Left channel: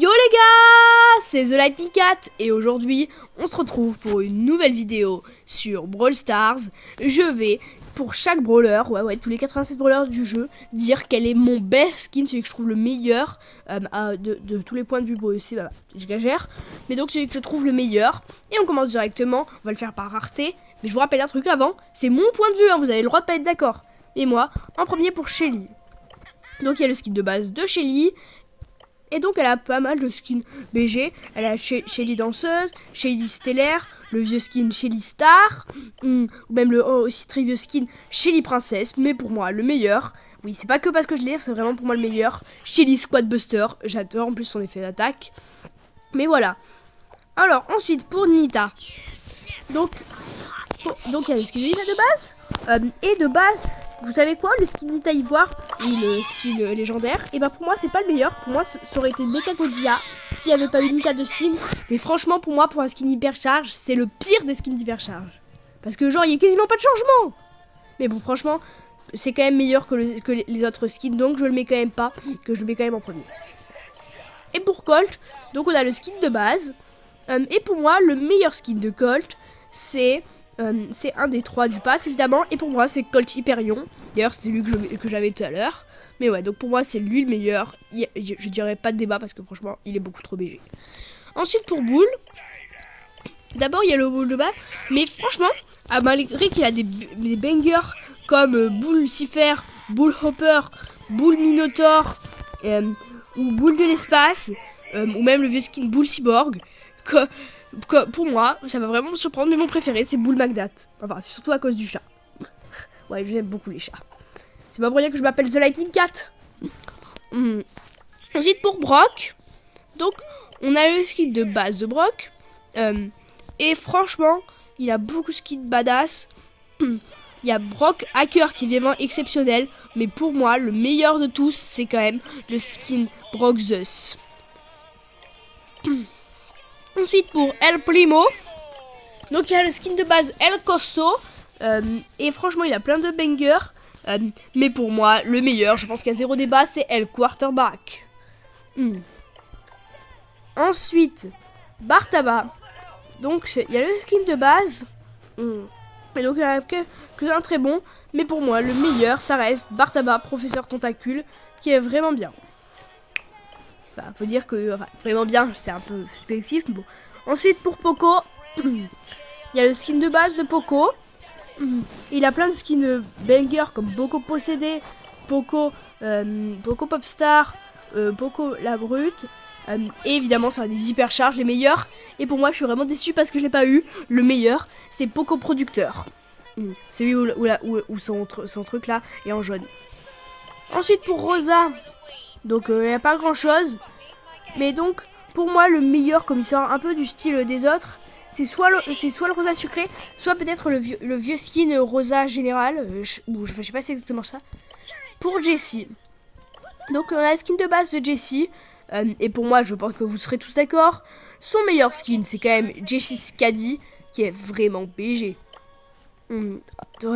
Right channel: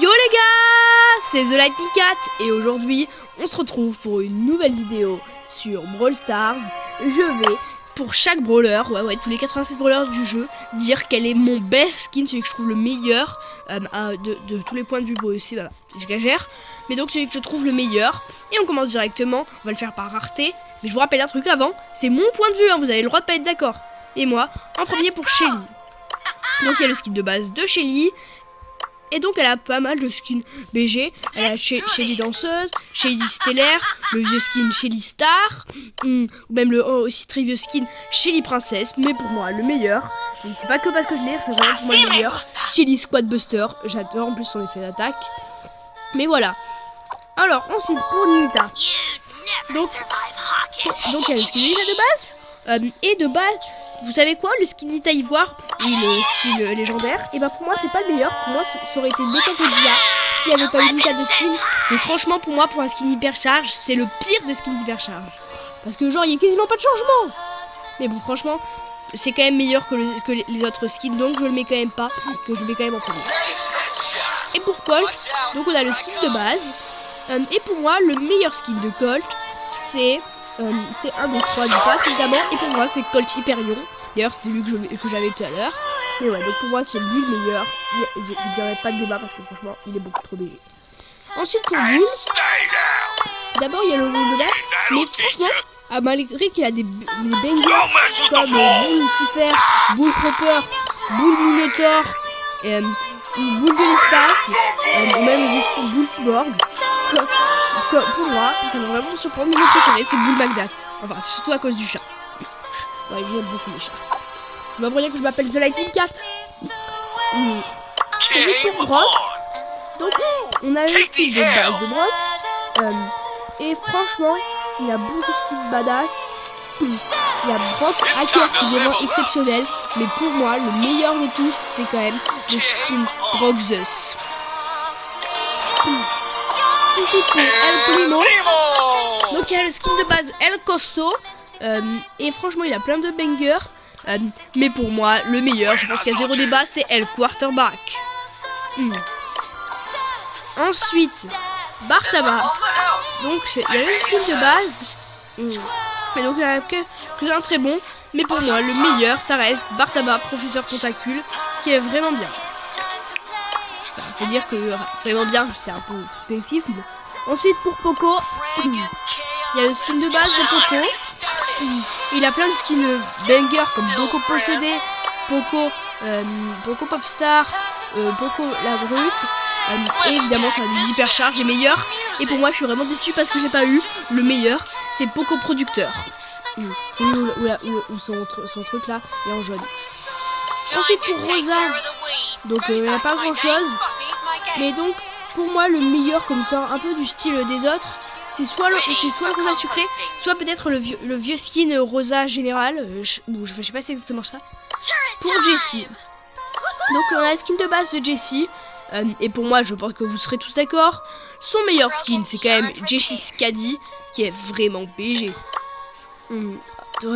Yo les gars, c'est The Lightning Cat et aujourd'hui on se retrouve pour une nouvelle vidéo sur Brawl Stars. Je vais pour chaque brawler, tous les 96 brawlers du jeu, dire quel est mon best skin, celui que je trouve le meilleur de tous les points de vue. Bon aussi, j'exagère, mais donc celui que je trouve le meilleur. Et on commence directement, on va le faire par rareté. Mais je vous rappelle un truc avant, c'est mon point de vue, hein, vous avez le droit de pas être d'accord. Et moi, en premier pour Shelly. Donc il y a le skin de base de Shelly. Et donc elle a pas mal de skins BG. Elle a Shelly danseuse, Shelly stellaire, le vieux skin Shelly star, ou même le aussi très vieux skin Shelly princesse. Mais pour moi le meilleur, et c'est pas que parce que je l'ai, c'est vraiment pour moi le meilleur, Shelly squad buster. J'adore en plus son effet d'attaque. Mais voilà. Alors ensuite pour Nita. Donc il y a le skin Nita de base. Et de base, vous savez quoi, le skin Nita Ivoire et le skin légendaire, et ben pour moi c'est pas le meilleur. Pour moi ça aurait été Mechagodzilla s'il n'y avait pas eu Nita de skin. Mais franchement pour moi, pour un skin hypercharge, c'est le pire des skins hypercharge. Parce que genre il y a quasiment pas de changement. Mais bon franchement c'est quand même meilleur que les autres skins, donc je le mets quand même pas, que je le mets quand même en premier. Et pour Colt, donc on a le skin de base. Et pour moi le meilleur skin de Colt c'est un des 3 du pass évidemment, et pour moi c'est Colt Hyperion. D'ailleurs c'était lui que j'avais tout à l'heure. Mais ouais, donc pour moi c'est lui le meilleur. Je dirais pas de débat parce que franchement il est beaucoup trop BG. Ensuite pour Bull, d'abord il y a le Bull de base. Mais franchement, malgré qu'il a des bangers comme Bull Lucifer, Bull Hopper, Bull Minotaur, ou Bull de l'espace, ou même le skin Bull Cyborg, pour moi, ça va vraiment vous surprendre, mais mon préféré c'est Bull Magdat. Enfin, c'est surtout à cause du chat. Ouais, j'aime beaucoup les chats. C'est pas pour rien que je m'appelle The Lightning Cat. Ensuite pour Brock, donc on a le skin de base de Brock. Et franchement, il a beaucoup de skins badass. Il y a Brock Hacker qui est vraiment exceptionnel. Mais pour moi, le meilleur de tous, c'est quand même le skin Brock Zeus. Ensuite pour El Primo, donc il y a le skin de base El Costo, et franchement il a plein de bangers, mais pour moi le meilleur, je pense qu'il y a zéro débat, c'est El Quarterback. Ensuite Bartaba, donc il y a le skin de base, mais donc il y en a que un très bon, mais pour moi le meilleur ça reste Bartaba Professeur Tentacule, qui est vraiment bien. On peut dire que vraiment bien, c'est un peu subjectif. Mais... Ensuite pour Poco, il y a le skin de base de Poco. Il a plein de skins bangers comme Poco Possédé, Poco Popstar, Poco la Brute. Et évidemment ça a des hypercharges, les meilleurs. Et pour moi je suis vraiment déçu parce que je n'ai pas eu le meilleur, c'est Poco Producteur. Celui où son truc là est en jaune. Ensuite pour Rosa, donc il n'y a pas grand chose. Mais donc pour moi le meilleur, comme ça un peu du style des autres, c'est soit le Rosa sucré, soit peut-être le vieux skin Rosa général. Je sais pas si c'est exactement ça. Pour Jessie, donc on a la skin de base de Jessie. Et pour moi je pense que vous serez tous d'accord, son meilleur skin c'est quand même Jessie Scadi, qui est vraiment BG.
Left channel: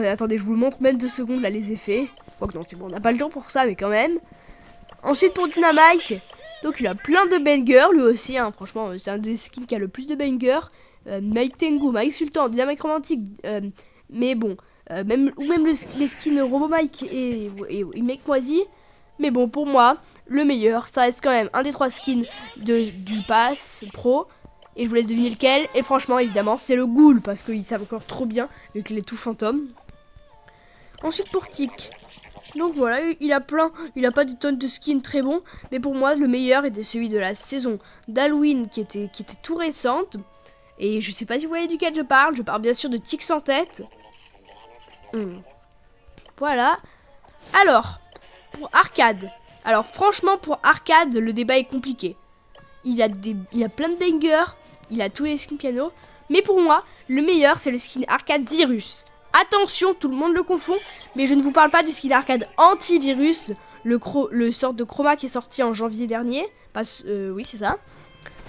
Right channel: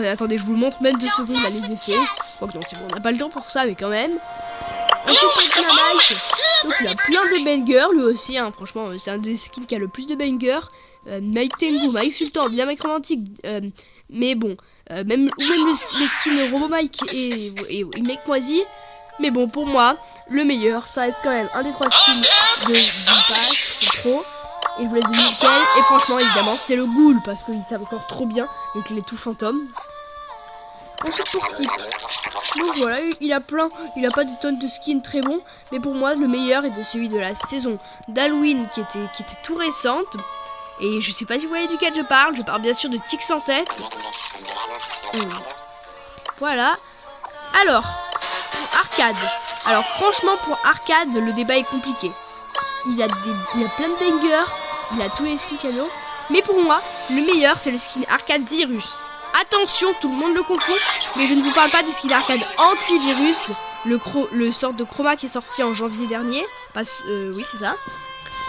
Attendez, je vous le montre même 2 secondes là, les effets. Donc non, c'est bon, on n'a pas le temps pour ça, mais quand même. Ensuite pour Dynamite, donc il a plein de bangers lui aussi, hein, franchement c'est un des skins qui a le plus de bangers. Mike Tengu, Mike Sultan, Dynamite Romantique, mais bon, même les skins Robo Mike et Mike Moisi. Mais bon, pour moi, le meilleur, ça reste quand même un des 3 skins du pass pro. Et je vous laisse deviner lequel. Et franchement, évidemment, c'est le Ghoul, parce qu'il savent encore trop bien, avec les tout fantômes. Ensuite pour Tic, donc voilà, il a pas des tonnes de skins très bons, mais pour moi le meilleur était celui de la saison d'Halloween qui était tout récente. Et je sais pas si vous voyez duquel je parle bien sûr de Tic sans tête. Voilà. Alors, pour Arcade, alors franchement pour Arcade le débat est compliqué. Il a plein de bangers, il a tous les skins piano, mais pour moi le meilleur c'est le skin Arcade Virus. Attention, tout le monde le confond, mais je ne vous parle pas du skin arcade antivirus, le sort de chroma qui est sorti en janvier dernier. Oui, c'est ça.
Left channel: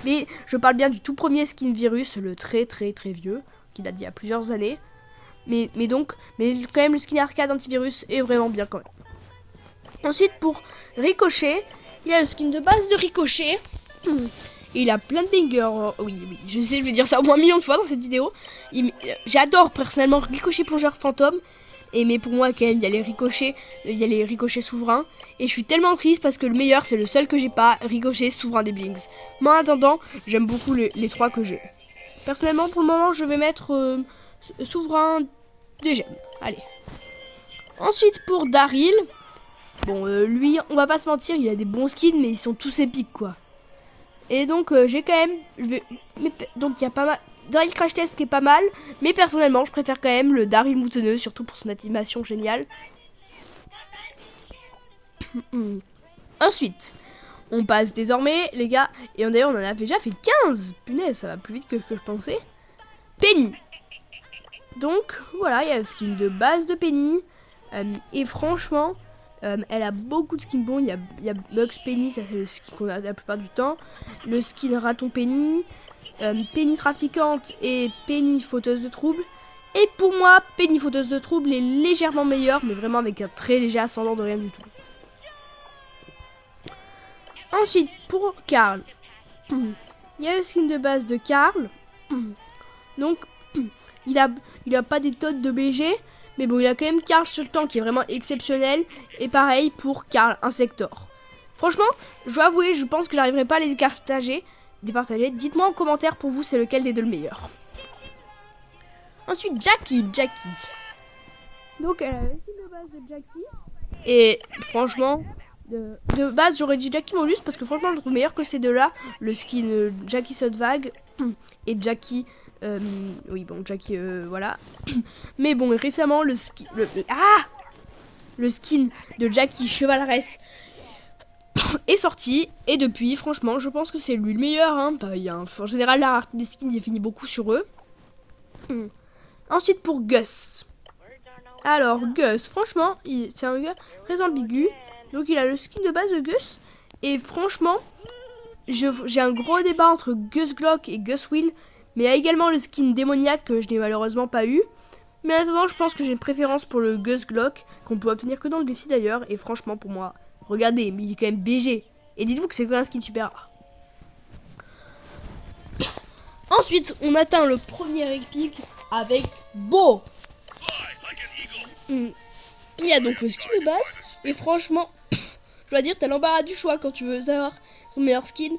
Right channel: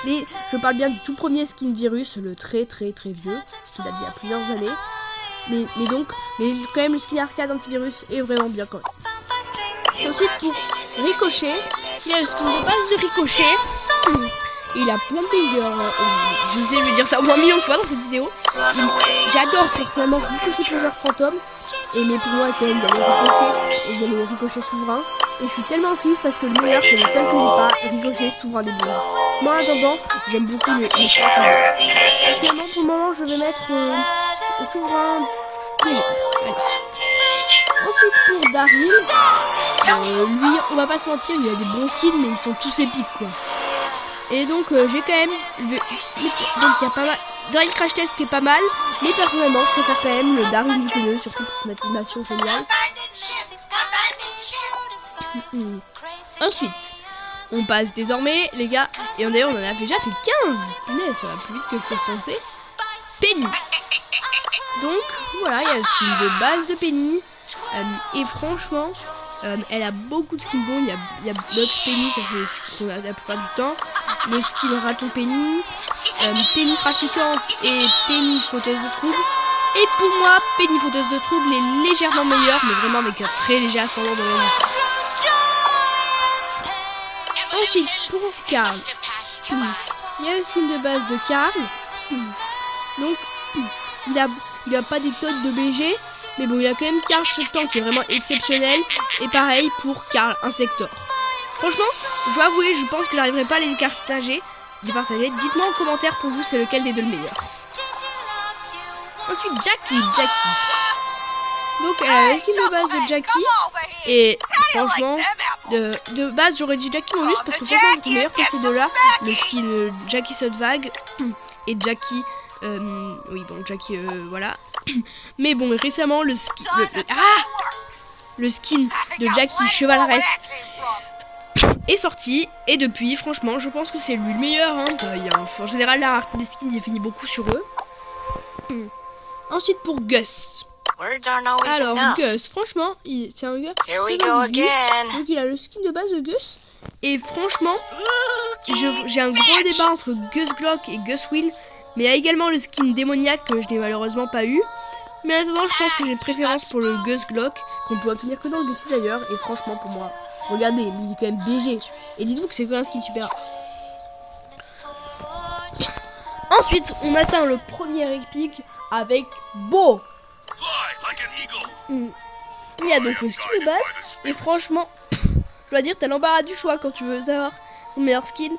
Mais je parle bien du tout premier skin virus, le très vieux, qui date d'il y a plusieurs années. Mais quand même le skin arcade antivirus est vraiment bien quand même. Ensuite pour Ricochet, il y a le skin de base de Ricochet. Et il a plein de bangers. Je sais, je vais dire ça au moins 1 million de fois dans cette vidéo. J'adore personnellement Ricochet plongeur fantôme. Mais pour moi, quand même, il y a les ricochets et il y a les ricochets souverains. Et je suis tellement triste parce que le meilleur, c'est le seul que j'ai pas, Ricochet souverain des Blings. Moi, en attendant, j'aime beaucoup les 3 que j'ai. Personnellement, pour le moment, je vais mettre souverain des gemmes. Allez. Ensuite, pour Daryl, lui, on va pas se mentir, il a des bons skins, mais ils sont tous épiques, quoi. Et donc, j'ai quand même... donc, il y a pas mal... Daryl Crash Test qui est pas mal, mais personnellement, je préfère quand même le Daryl moutonneux, surtout pour son animation géniale. Ensuite, on passe désormais, les gars, et d'ailleurs, on en a déjà fait 15. Punaise, ça va plus vite que je peux penser. Penny. Donc, voilà, il y a le skin de base de Penny. Et franchement, elle a beaucoup de skins bons. Il y a Lux Penny, ça c'est le skin qu'on a la plupart du temps. Le skin Raton Penny, Penny trafiquante et Penny fauteuse de troubles. Et pour moi, Penny fauteuse de troubles est légèrement meilleure, mais vraiment avec un très léger ascendant de rien du tout. Ensuite, pour Carl, il y a le skin de base de Carl. Donc, il a pas des tonnes de BG. Mais bon, il a quand même Carl Shotton qui est vraiment exceptionnel. Et pareil pour Carl Insector. Franchement, je dois avouer, je pense que j'arriverai pas à les partager. Dites-moi en commentaire pour vous, c'est lequel des deux le meilleur. Ensuite, Jackie. Donc, elle a le skin de base de Jackie. Et franchement, de base, j'aurais dit Jackie Monus parce que franchement, le meilleur que ces deux-là, le skin Jackie Saute-Vague et Jackie... oui, bon, Jackie, voilà. Mais bon, récemment, le skin de Jackie Chevaleresse est sorti. Et depuis, franchement, je pense que c'est lui le meilleur. Hein. En général, la rareté des skins définit beaucoup sur eux. Ensuite, pour Gus. Alors, Gus, franchement, c'est un gars très ambigu. Donc, il a le skin de base de Gus. Et franchement, j'ai un gros débat entre Gus Glock et Gus Will. Mais il y a également le skin démoniaque que je n'ai malheureusement pas eu. Mais en attendant, je pense que j'ai une préférence pour le Gus Glock, qu'on peut obtenir que dans le défi d'ailleurs. Et franchement, pour moi, regardez, mais il est quand même BG. Et dites-vous que c'est quand même un skin super rare. Ensuite, on atteint le premier épique avec Bo. Il y a donc le skin de base. Et franchement, je dois dire, t'as l'embarras du choix quand tu veux savoir son meilleur skin.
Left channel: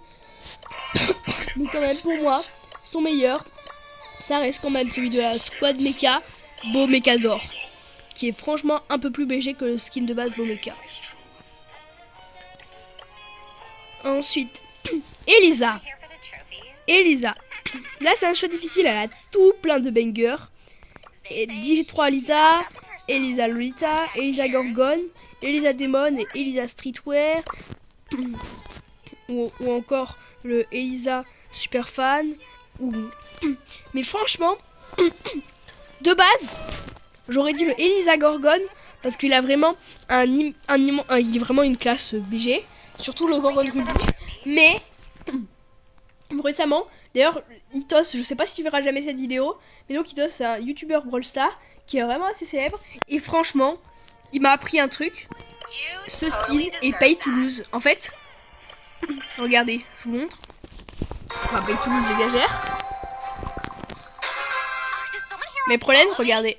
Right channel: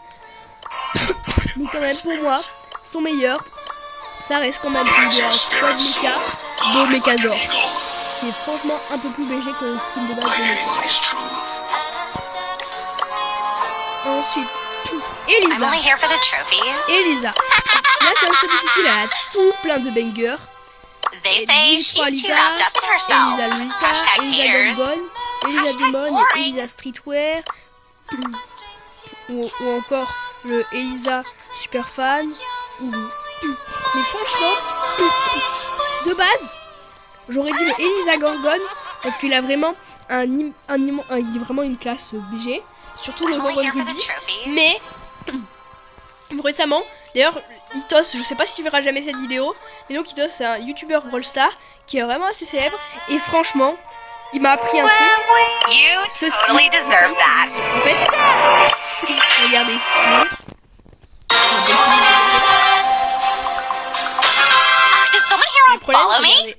Mais quand même, pour moi, son meilleur, ça reste quand même celui de la Squad Mecha, Bo Mechador, qui est franchement un peu plus BG que le skin de base de Mecha. Ensuite, Elisa. Là, c'est un choix difficile, elle a tout plein de bangers. Div3 Elisa, Elisa Lolita, Elisa Gorgon, Elisa Demon et Elisa Streetwear. Ou encore le Elisa Superfan. Mais franchement, de base, j'aurais dit le Elisa Gorgon parce qu'il a vraiment il est vraiment une classe BG, surtout le Gorgon Ruby. Mais récemment, d'ailleurs, Itos, je sais pas si tu verras jamais cette vidéo, mais donc Itos c'est un YouTuber Brawl Stars qui est vraiment assez célèbre et franchement, il m'a appris un truc. Ce skin est pay to lose. En fait, regardez, je vous montre. Un pay to lose dégageur. Mais le problème, regardez.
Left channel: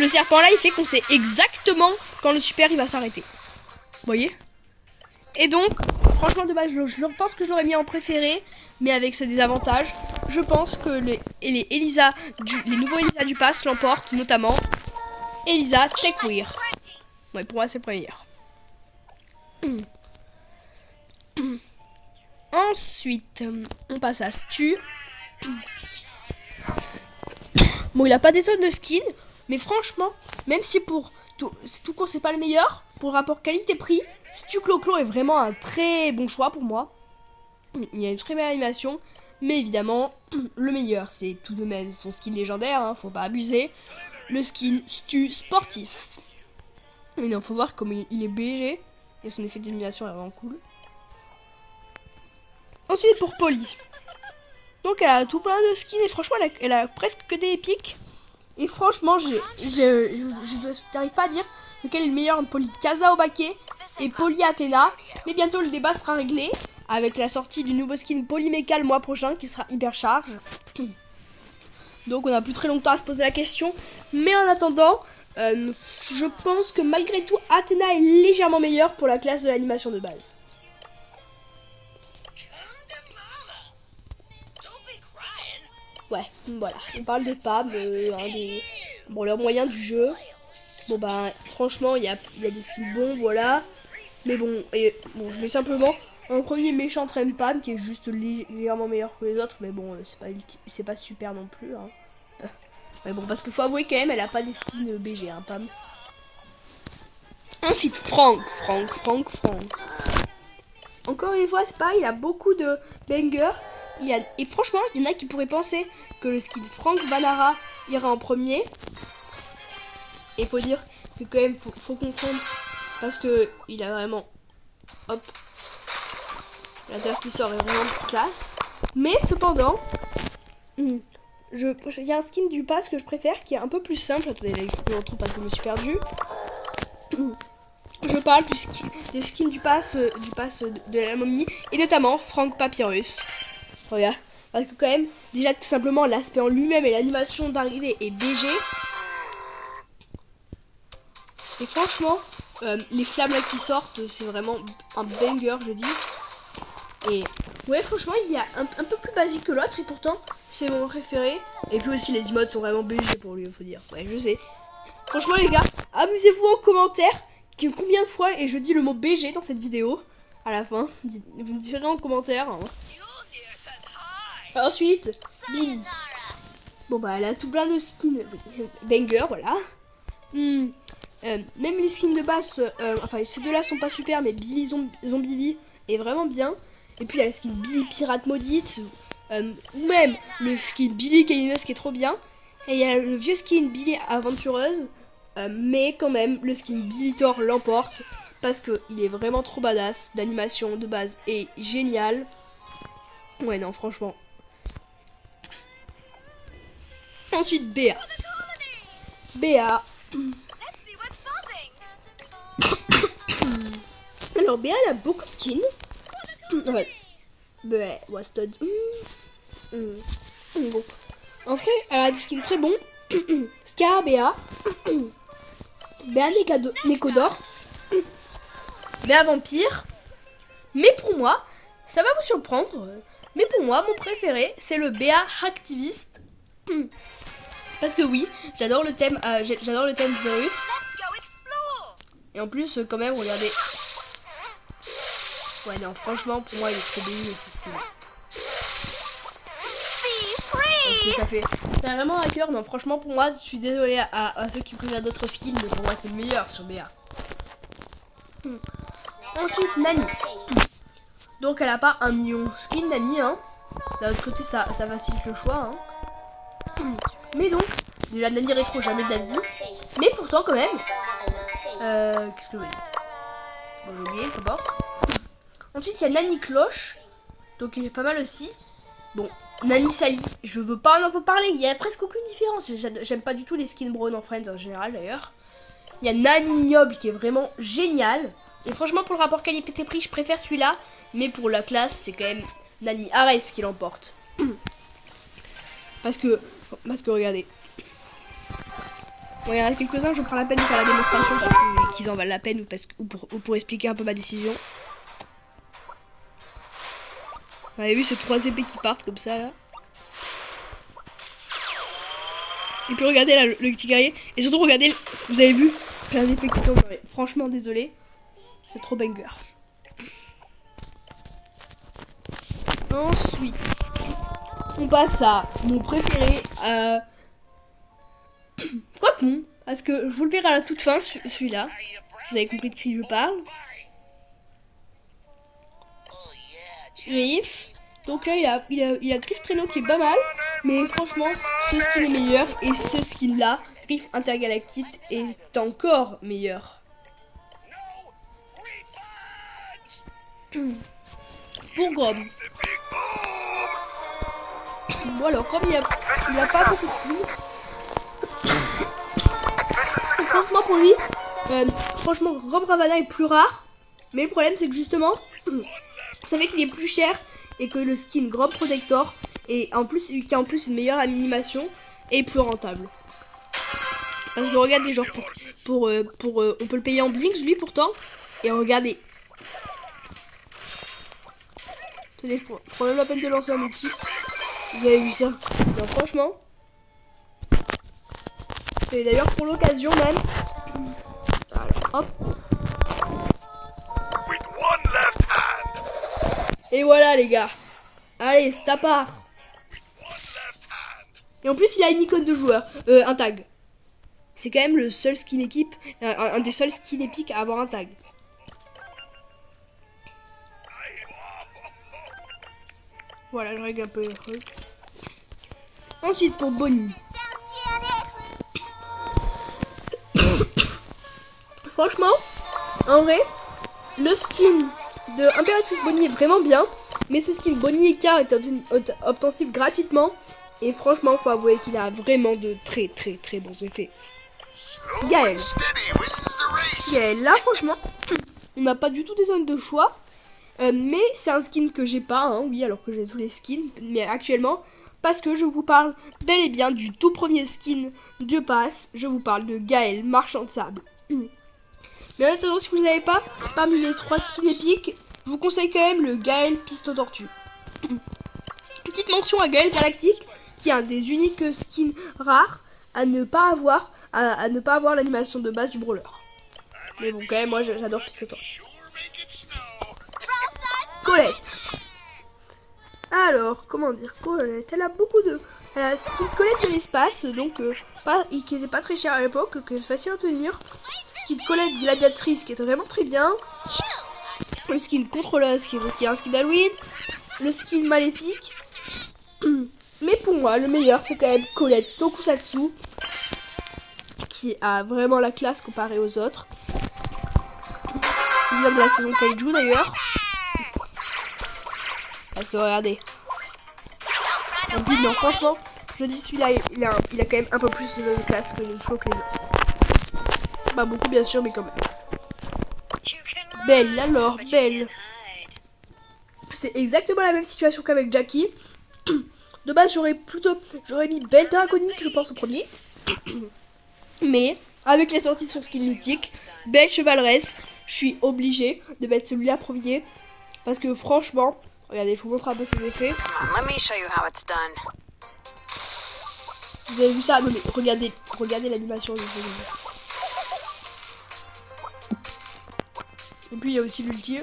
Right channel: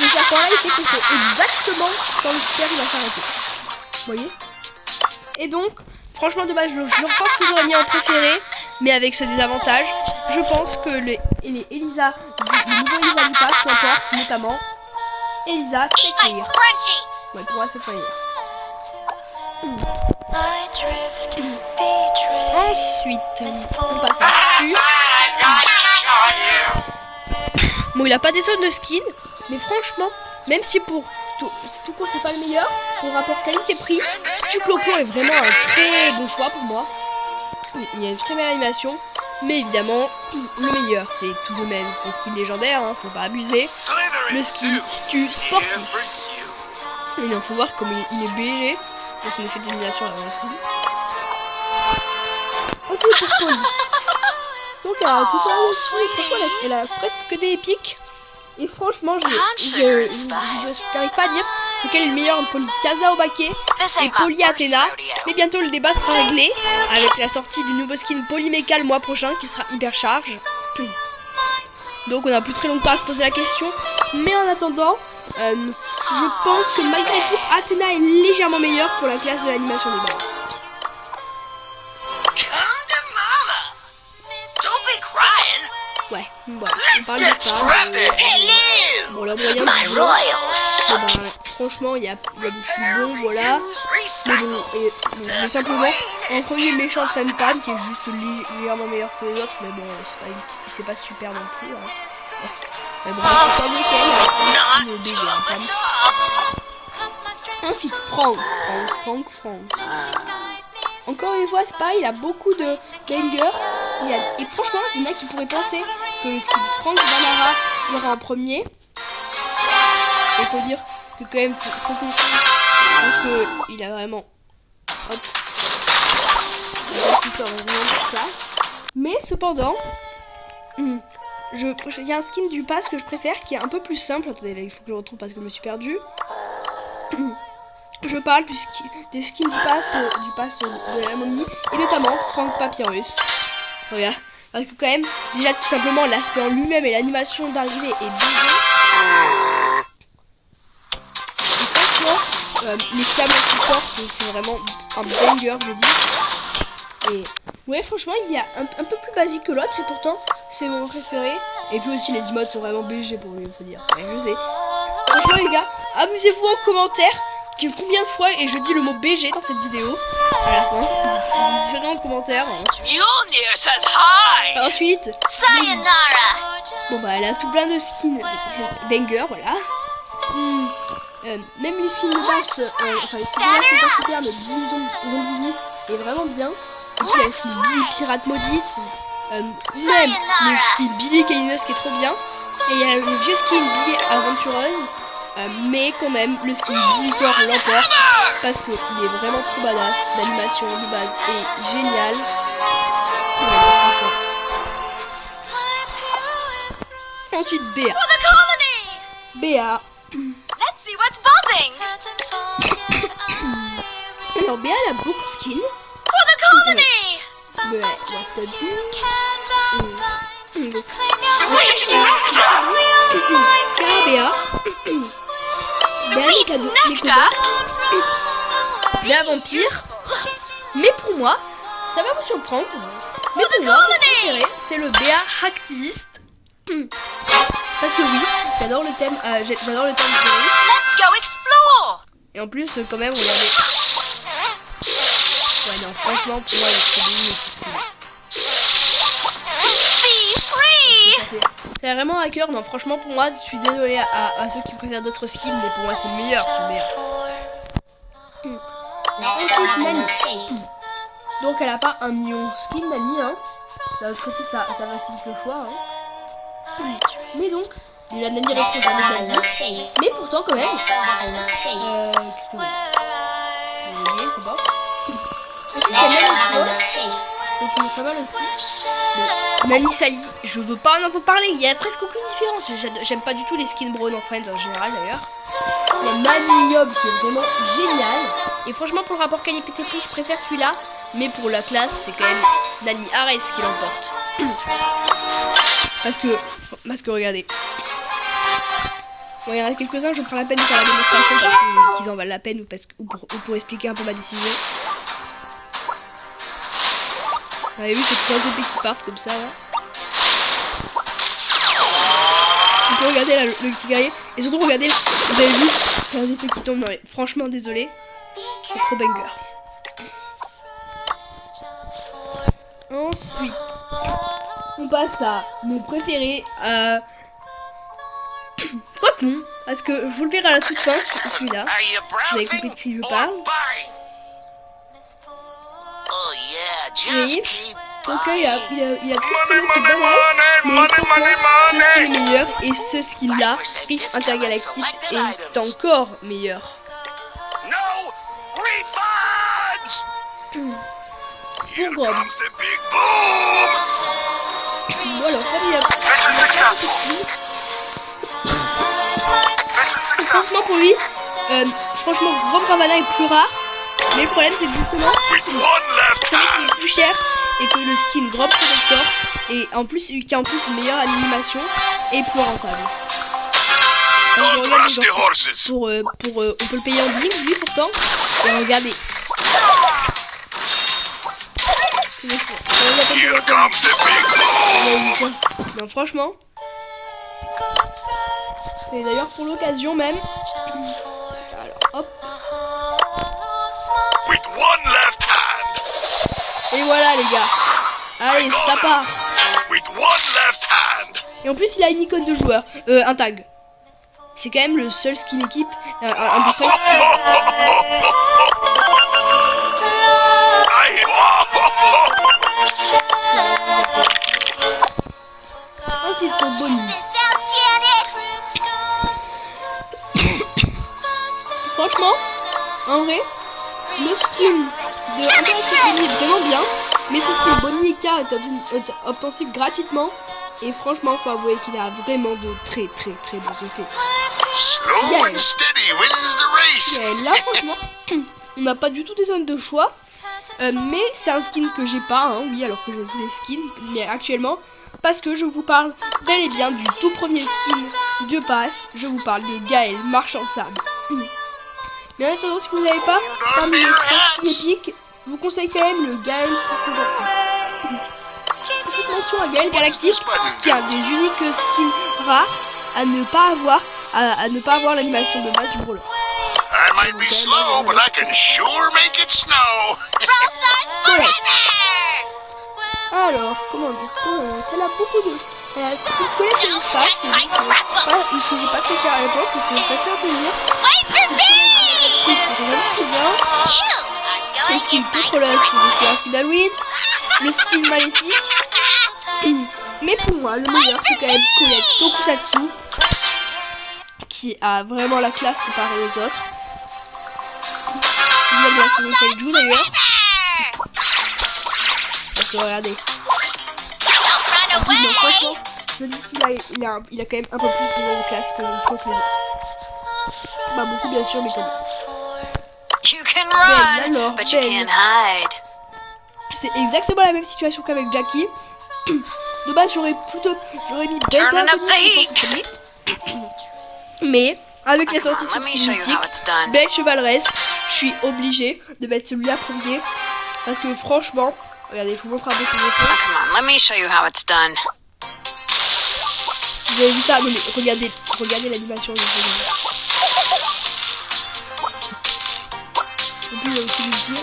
Le serpent là, il fait qu'on sait exactement quand le super il va s'arrêter. Vous voyez? Et donc, franchement, de base, je pense que j'aurais mis en préféré, mais avec ce désavantage, je pense que les Elisa, le nouveau Elisa du pass l'emporte, notamment Elisa Techwear. Ouais, pour moi, c'est le meilleur. Ensuite, on passe à Stu. Bon, il a pas des tonnes de skin, mais franchement, même si pour tout court c'est pas le meilleur, pour rapport qualité-prix, Stu Clo-Clo est vraiment un très bon choix pour moi. Il y a une très belle animation, mais évidemment, le meilleur c'est tout de même son skin légendaire, hein, faut pas abuser. Le skin Stu sportif. Mais non, faut voir comme il est BG, et son effet d'élimination là, cool. Ensuite pour Polly. Donc elle a tout plein de skins et franchement elle a presque que des épiques. Et franchement je n'arrive pas à dire lequel est le meilleur entre Polly Kaza Obake et Poly Athena. Mais bientôt le débat sera réglé avec la sortie du nouveau skin Polymecha le mois prochain qui sera hyper charge. Donc on n'a plus très longtemps à se poser la question. Mais en attendant, je pense que malgré tout, Athena est légèrement meilleure pour la classe de l'animation de base. Ouais, voilà, on parle de pas, bon, leurs moyens du jeu, franchement, il y a des skins bons, voilà, mais bon, mais simplement, en premier méchant traîne Pam, qui est juste légèrement meilleur que les autres, mais bon, c'est pas super non plus, hein. Ouais. Mais bon, parce qu'il faut avouer quand même, elle a pas de skin BG, hein, Pam. Ensuite, Franck. Encore une fois, c'est pareil, il a beaucoup de bangers. Et franchement, il y en a qui pourraient penser que le skin Franck Vanara ira en premier. Il faut dire que quand même, faut qu'on compte parce que il a vraiment, hop, qui sort vraiment de classe. Mais cependant, il y a un skin du pass que je préfère qui est un peu plus simple. Attendez, là, il faut que je le retrouve parce que je me suis perdue. Je parle des skins du pass de la momie et notamment Franck Papyrus. Regarde, parce que quand même, déjà tout simplement l'aspect en lui-même et l'animation d'arrivée est BG. Et franchement, les flammes qui sortent, c'est vraiment un banger, je dis. Et ouais, franchement, il est un peu plus basique que l'autre et pourtant c'est mon préféré. Et puis aussi les emotes sont vraiment BG pour lui, il faut dire. Ouais, je sais. Franchement les gars, amusez-vous en commentaire. Combien de fois et je dis le mot BG dans cette vidéo à la fin. Vous me direz en commentaire. Ensuite, bon bah elle a tout plein de skins banger, voilà. Même les skins de base, enfin les skins de base sont pas super, mais Billy Zombie est vraiment bien. Et puis il y a le skin Billy Pirate Maudite, même le skin Billy Canineuse qui est trop bien. Et il y a le vieux skin Billy Aventureuse. Mais quand même, le skin Billy Thor l'emporte parce qu'il est vraiment trop badass. L'animation de base est géniale. Ouais, non, franchement. Ensuite, Béa. Alors, Béa, elle a beaucoup de skins. Ouais, Wasted. Ensuite, elle a des skins très bons. Scarabea. Béa Nécodor, Béa Vampire. Mais pour moi, ça va vous surprendre, mais pour moi, mon préféré, c'est le Béa Activiste. Parce que oui, j'adore le thème du virus. Et en plus, quand même, regardez. Ouais, non, franchement, pour moi, il est trop béni ce skin. Ça fait vraiment à cœur. Non, franchement, pour moi, je suis désolée à ceux qui préfèrent d'autres skins, mais pour moi, c'est le meilleur, ce meilleur. Ensuite, Nani. Donc, elle a pas un million skin, Nani, hein. D'un autre côté, ça facilite le choix, hein. Mais donc, la Nani rétro, jamais de Nani. Mais pourtant, quand même. Qu'est-ce que vous voyez, d'abord. Ensuite, il y a Nani Cloche. Donc, il est pas mal aussi. Bon, Nani Sally, je veux pas en entendre parler, il y a presque aucune différence. J'aime pas du tout les skins Brawl en Friends en général d'ailleurs. Il y a Nani Niob qui est vraiment génial. Et franchement, pour le rapport qualité-prix, je préfère celui-là. Mais pour la classe, c'est quand même Nani Ares qui l'emporte. Parce que regardez. Bon, il y en a quelques-uns, je prends la peine de faire la démonstration parce qu'ils en valent la peine ou pour expliquer un peu ma décision. Vous avez vu ces 3 épées qui partent comme ça là. On peut regarder là, le petit guerrier. Et surtout regardez, vous avez vu plein d'épées qui tombent. Ouais, franchement désolé. C'est trop banger. Ensuite, on passe à mon préféré. Quoi que non. Parce que je vous le verrai à la toute fin celui-là. Vous avez compris de qui je parle. Riff. Donc là il a Riff Trainer qui est pas mal. Mais franchement ce skin est meilleur. Et ce skin là, Riff Intergalactique, est encore meilleur. Pour Grom. Bon alors comme il y a pas beaucoup de skins. Franchement pour lui, franchement Grom Ravana est plus rare. Mais le problème c'est que justement, vous savez qu'il est plus cher et que le skin Grand Protector et en plus qui a en plus une meilleure animation est plus rentable. Parce que regardez, genre, on peut le payer en Blinks lui pourtant. Et regardez. C'est quand même la peine de lancer un outil. Vous avez vu ça? Non, franchement. Et d'ailleurs pour l'occasion même. Alors, hop. Et voilà les gars. Allez, c'est à part. Et en plus il a une icône de joueur. Un tag. C'est quand même le seul skin équipe. Un des seuls skins équipe à avoir un tag. Ensuite pour Bonnie. Franchement, en vrai, le skin de Imperatrice Bonnie est vraiment bien. Mais ce skin Bonnie et K est obtensible gratuitement. Et franchement, faut avouer qu'il a vraiment de très bons effets. Gaël. Gaël, là franchement, on n'a pas du tout des zones de choix. Mais c'est un skin que j'ai pas, hein, oui, alors que j'ai tous les skins. Mais actuellement, parce que je vous parle bel et bien du tout premier skin de passe. Je vous parle de Gaël, marchand de sable. Mais en attendant, si vous n'avez pas, parmi les 3 skins épiques, je vous conseille quand même le Gaël Piston Tortue. Petite mention à Gaël Galactique, qui est un des uniques skins rares à ne pas avoir, à ne pas avoir l'animation de base du brawler. Colette. Alors, comment dire, Colette, elle a beaucoup de... Elle a ce qu'il Colette de l'espace, donc qui n'était pas très cher à l'époque, et qui est facile à obtenir. Petite Colette gladiatrice qui était vraiment très bien. Le skin contrôleur, qui était un skin d'Halloween. Le skin maléfique. Mais pour moi, le meilleur, c'est quand même Colette Tokusatsu, qui a vraiment la classe comparée aux autres. Il vient de la saison Kaiju d'ailleurs. Parce que regardez. En plus, non, franchement, je dis celui-là, il a quand même un peu plus de classe que les autres. Pas beaucoup bien sûr, mais quand même. Belle, alors, Belle. C'est exactement la même situation qu'avec Jackie. De base, j'aurais mis Belle Draconis, je pense, en premier. Mais, avec les sorties sur skin mythique, Belle Chevaleresse, je suis obligée de mettre celui-là premier. Parce que franchement, regardez, je vous montre un peu ses effets. Vous avez vu ça? Non, mais regardez l'animation. Et puis il y a aussi l'ulti.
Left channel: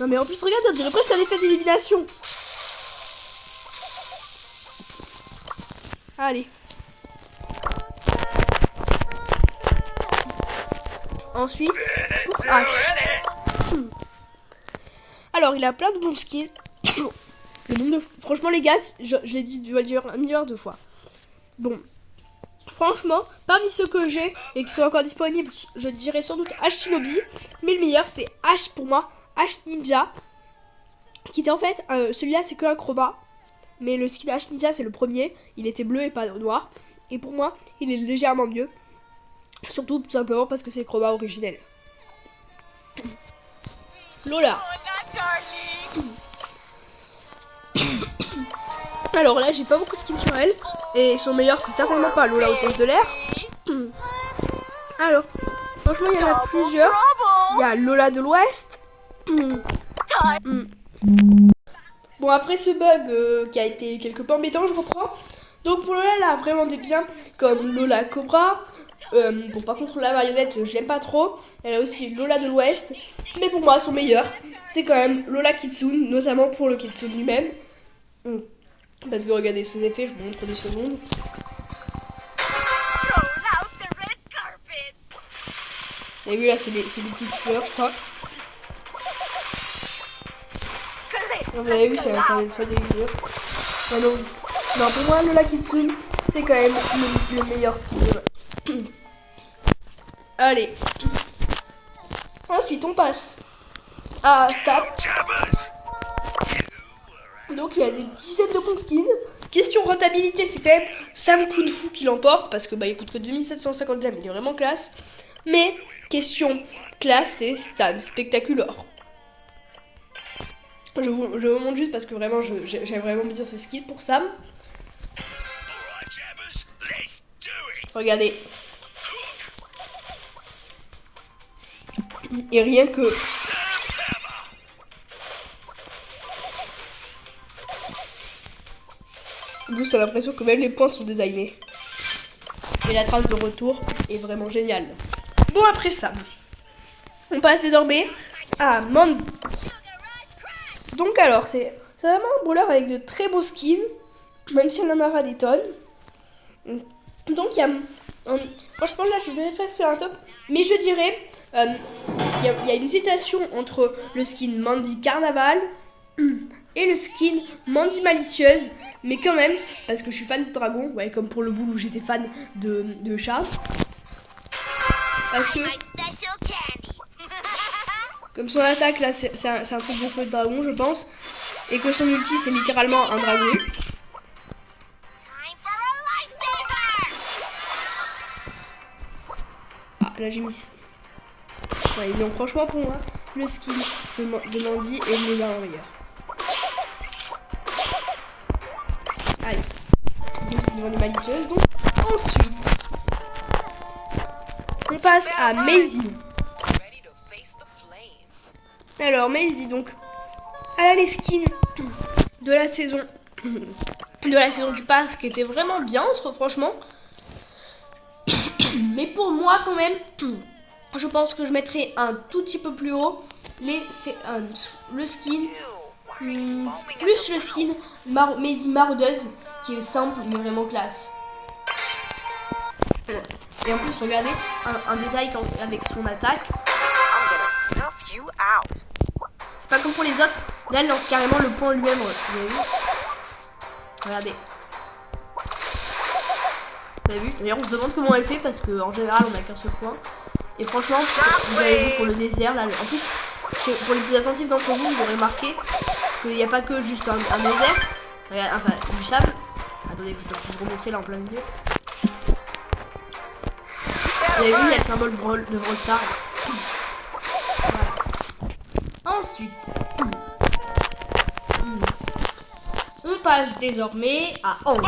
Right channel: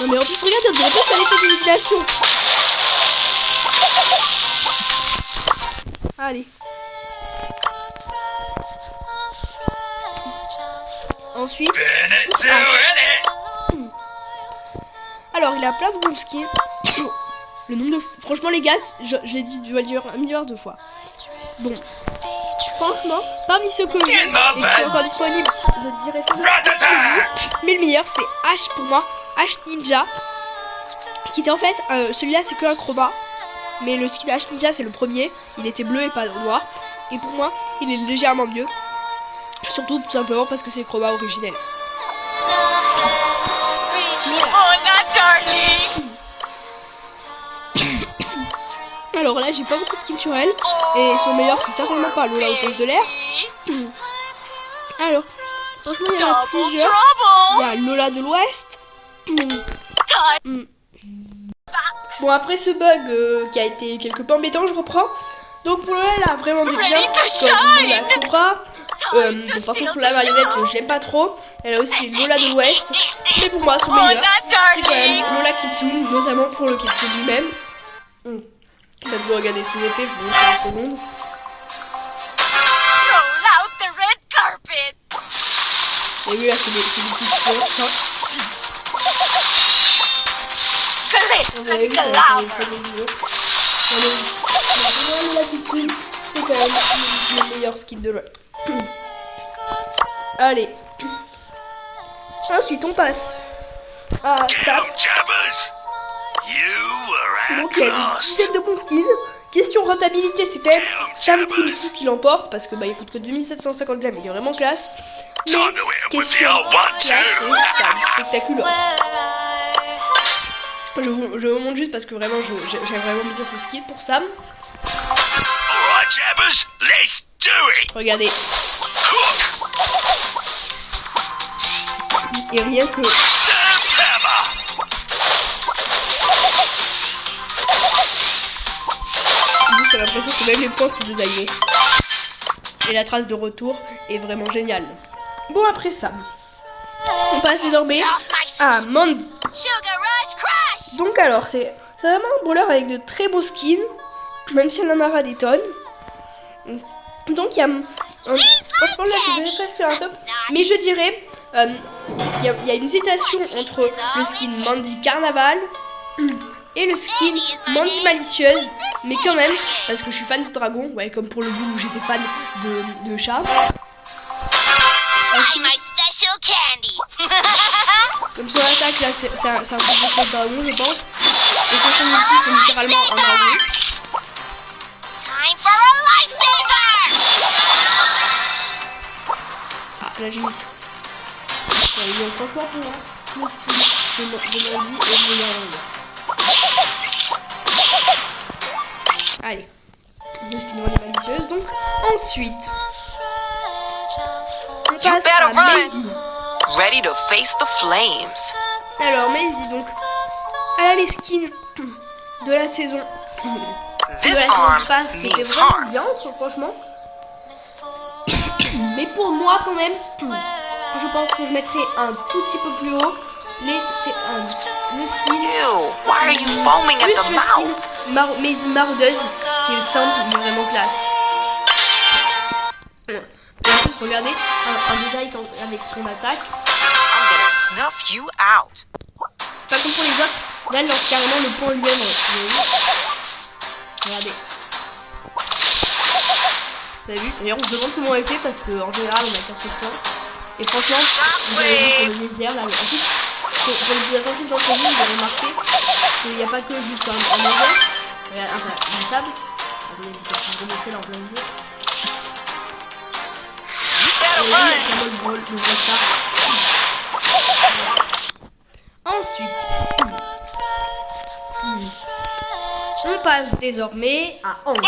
Non mais en plus regardez, on dirait presque un effet d'illumination. Allez. Ensuite, alors il a plein de bons skins. Le nombre de... Franchement les gars, je l'ai dit, je dois le dire 1 milliard de fois. Bon, franchement, parmi ceux que j'ai et qui sont encore disponibles, je dirais sans doute H Shinobi. Mais le meilleur c'est H pour moi, H Ninja. Qui était en fait, celui-là c'est que un chroma. Mais le skin H Ninja c'est le premier. Il était bleu et pas noir. Et pour moi, il est légèrement mieux. Surtout tout simplement parce que c'est le chroma originel. Voilà. Alors là j'ai pas beaucoup de skins sur elle. Et son meilleur c'est certainement pas Lola hôtesse de l'air. Alors franchement il y en a plusieurs. Il y a Lola de l'Ouest. Bon après ce bug qui a été quelque peu embêtant, je reprends. Donc pour Lola elle a vraiment des biens comme Lola Cobra. Bon par contre la marionnette je l'aime pas trop. Elle a aussi Lola de l'Ouest. Mais pour moi son meilleur c'est quand même Lola Kitsune. Notamment pour le Kitsune lui-même. Parce que regardez ses effets, je vous montre 2 secondes. Et oui là c'est des petites fleurs ça. Vous avez vu ça me fait des vidéos. Non pour moi Lola Kitsune c'est quand même le meilleur skin de jeu. Allez. Ensuite on passe à Sap. Donc il y a une dizaine de bons skins. Question rentabilité, c'est quand même Sam Kung Fu qui l'emporte parce que il coûte que 2750 grammes, il est vraiment classe. Mais question classe, c'est Stan Spectacular. Je vous montre juste parce que vraiment j'ai vraiment mis ce skill pour Sam. Regardez. Et rien que... J'ai l'impression que même les points sont désaillés. Et la trace de retour est vraiment géniale. Bon, après ça, on passe désormais à Mandy. Donc alors, c'est vraiment un brawler avec de très beaux skins, même si on en aura des tonnes. Donc il y a... franchement là, je devrais presque faire un top. Mais je dirais, il y a une hésitation entre le skin Mandy Carnaval et le skin Mandy Malicieuse, mais quand même, parce que je suis fan de dragon, ouais, comme pour le bout où j'étais fan de chat. Parce que, comme son attaque là, c'est un truc de feu de dragon, je pense, et que son ulti c'est littéralement un dragon. Ah, là j'ai mis. Ouais, donc franchement pour moi, le skin de Mandy est le meilleur. Allez, le skin de Mandy malicieuse donc. Ensuite, on passe à Maisie. Ready to face the flames. Alors Maisie donc, elle a les skins de la saison du pass qui était vraiment bien, franchement. Mais pour moi quand même, je pense que je mettrais un tout petit peu plus haut le skin plus le skin Maisie maraudeuse qui est simple mais vraiment classe. Et en plus regardez un détail avec son attaque. C'est pas comme pour les autres, là elle lance carrément le point lui-même. Regardez. Vous avez vu? D'ailleurs on se demande comment elle fait parce qu'en général on a qu'un seul point. Et franchement, vous avez vu pour le désert là, en plus pour les plus attentifs d'entre vous, vous avez remarqué qu'il n'y a pas que juste un désert. Regardez, enfin du sable. Attendez, peut-être que je vais vous montrer là en plein milieu. Vous avez vu, il y a le symbole de Brawl Stars. Ensuite, on passe désormais à Hank.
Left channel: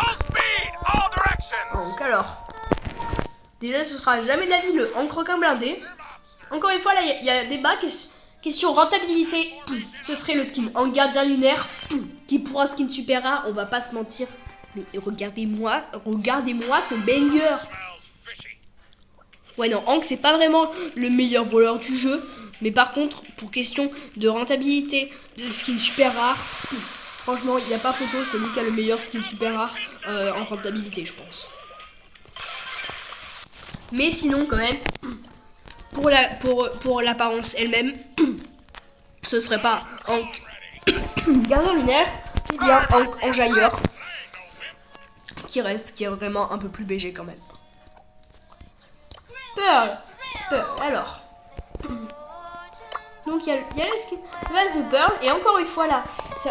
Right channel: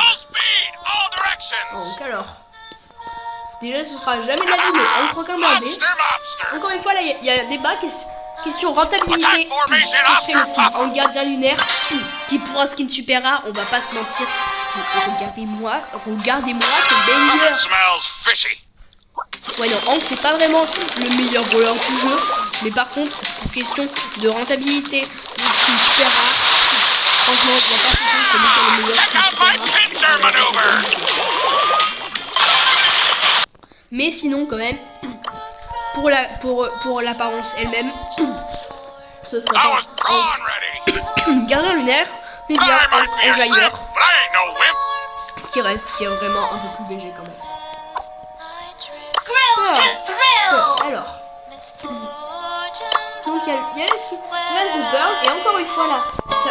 Hank, alors. Déjà, ce sera jamais de la vie, mais Hank requin blindé. Encore une fois, là, il y a un débat. Question rentabilité. Ce serait le skin Hank gardien lunaire. Qui pour un skin super rare, on va pas se mentir. Mais regardez-moi ce banger. Ouais, non, Hank, c'est pas vraiment le meilleur brawler du jeu. Mais par contre, pour question de rentabilité, le skin super rare, franchement, il n'y a pas photo, c'est lui qui a le meilleur skin super rare en rentabilité. Mais sinon, quand même, pour l'apparence elle-même, ce serait pas Hank gardien lunaire, mais bien Hank enjailleur, qui est vraiment un peu plus BG quand même. Alors. Donc il y a le skin de base de Pearl et encore une fois là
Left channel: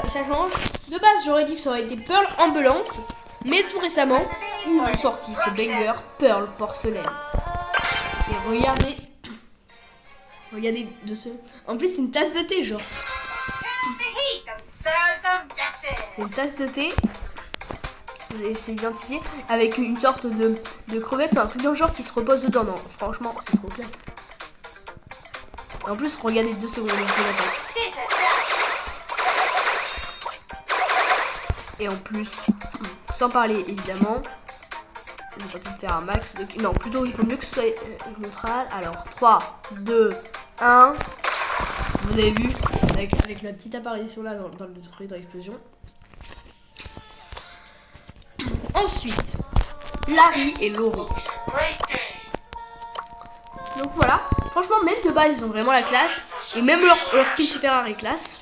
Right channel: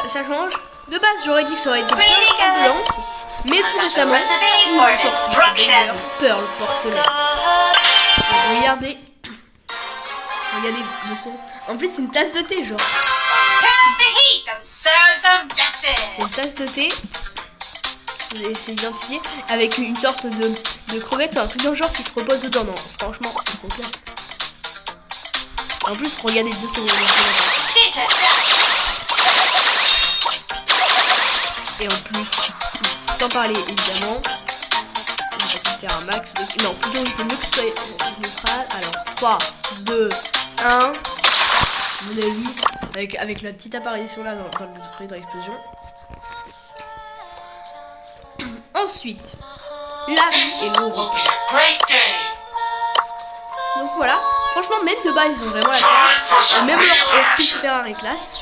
ça change. De base j'aurais dit que ça aurait été Pearl ambulante, mais tout récemment ils ont sorti ce banger Pearl porcelaine. Et regardez dessous. En plus c'est une tasse de thé genre. C'est une tasse de thé. C'est identifié avec une sorte de crevette ou un truc dans le genre qui se repose dedans. Non, franchement c'est trop classe. En plus, regardez 2 secondes. Et en plus, sans parler évidemment, on va essayer de faire un max de... Non, plutôt il faut mieux que ce soit neutral. Alors, 3, 2, 1. Vous avez vu, avec la petite apparition là dans le truc de l'explosion. Ensuite, Larry et Laurent. Donc voilà, franchement même de base ils ont vraiment la classe. Et même leur skin super rare est classe.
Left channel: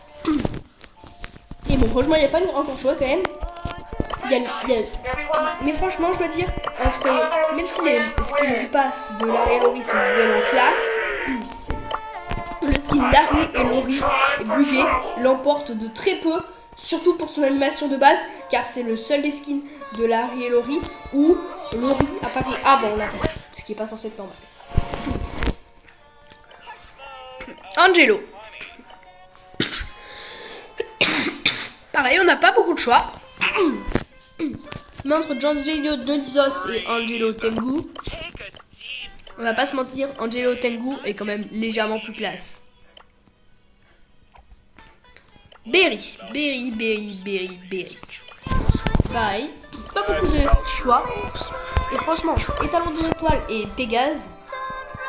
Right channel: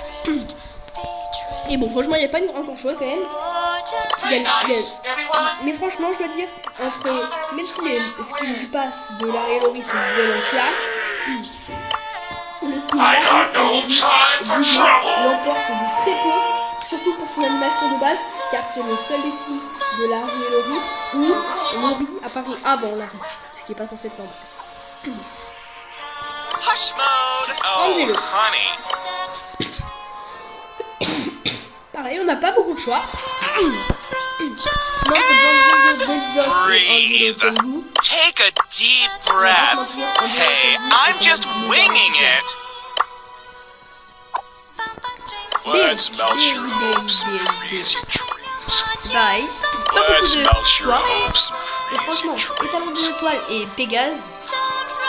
Et bon franchement il n'y a pas encore choix quand même. Mais franchement je dois dire, même si les skins du pass de Larry et Laurie sont vraiment classe, le skin Larry et Laurie bougé l'emporte de très peu surtout pour son animation de base, car c'est le seul des skins de Larry et Lori où Lori apparaît avant Larry, ce qui est pas censé être normal. Hush mode. Oh, Angelo. honey. Pareil, on n'a pas beaucoup de choix. Mais entre Gianluigi Donizos et Angelo Tengu, Take a deep on va pas se breath. mentir, Angelo Hey, Tengu est I'm quand just même légèrement winging plus classe. Well, Berry, that smells Berry, your Berry, hopes, Berry, crazy Berry. dreams. Pareil, pas Well, that beaucoup de smells your choix. hopes, Et franchement, Étalon des étoiles et Pégase,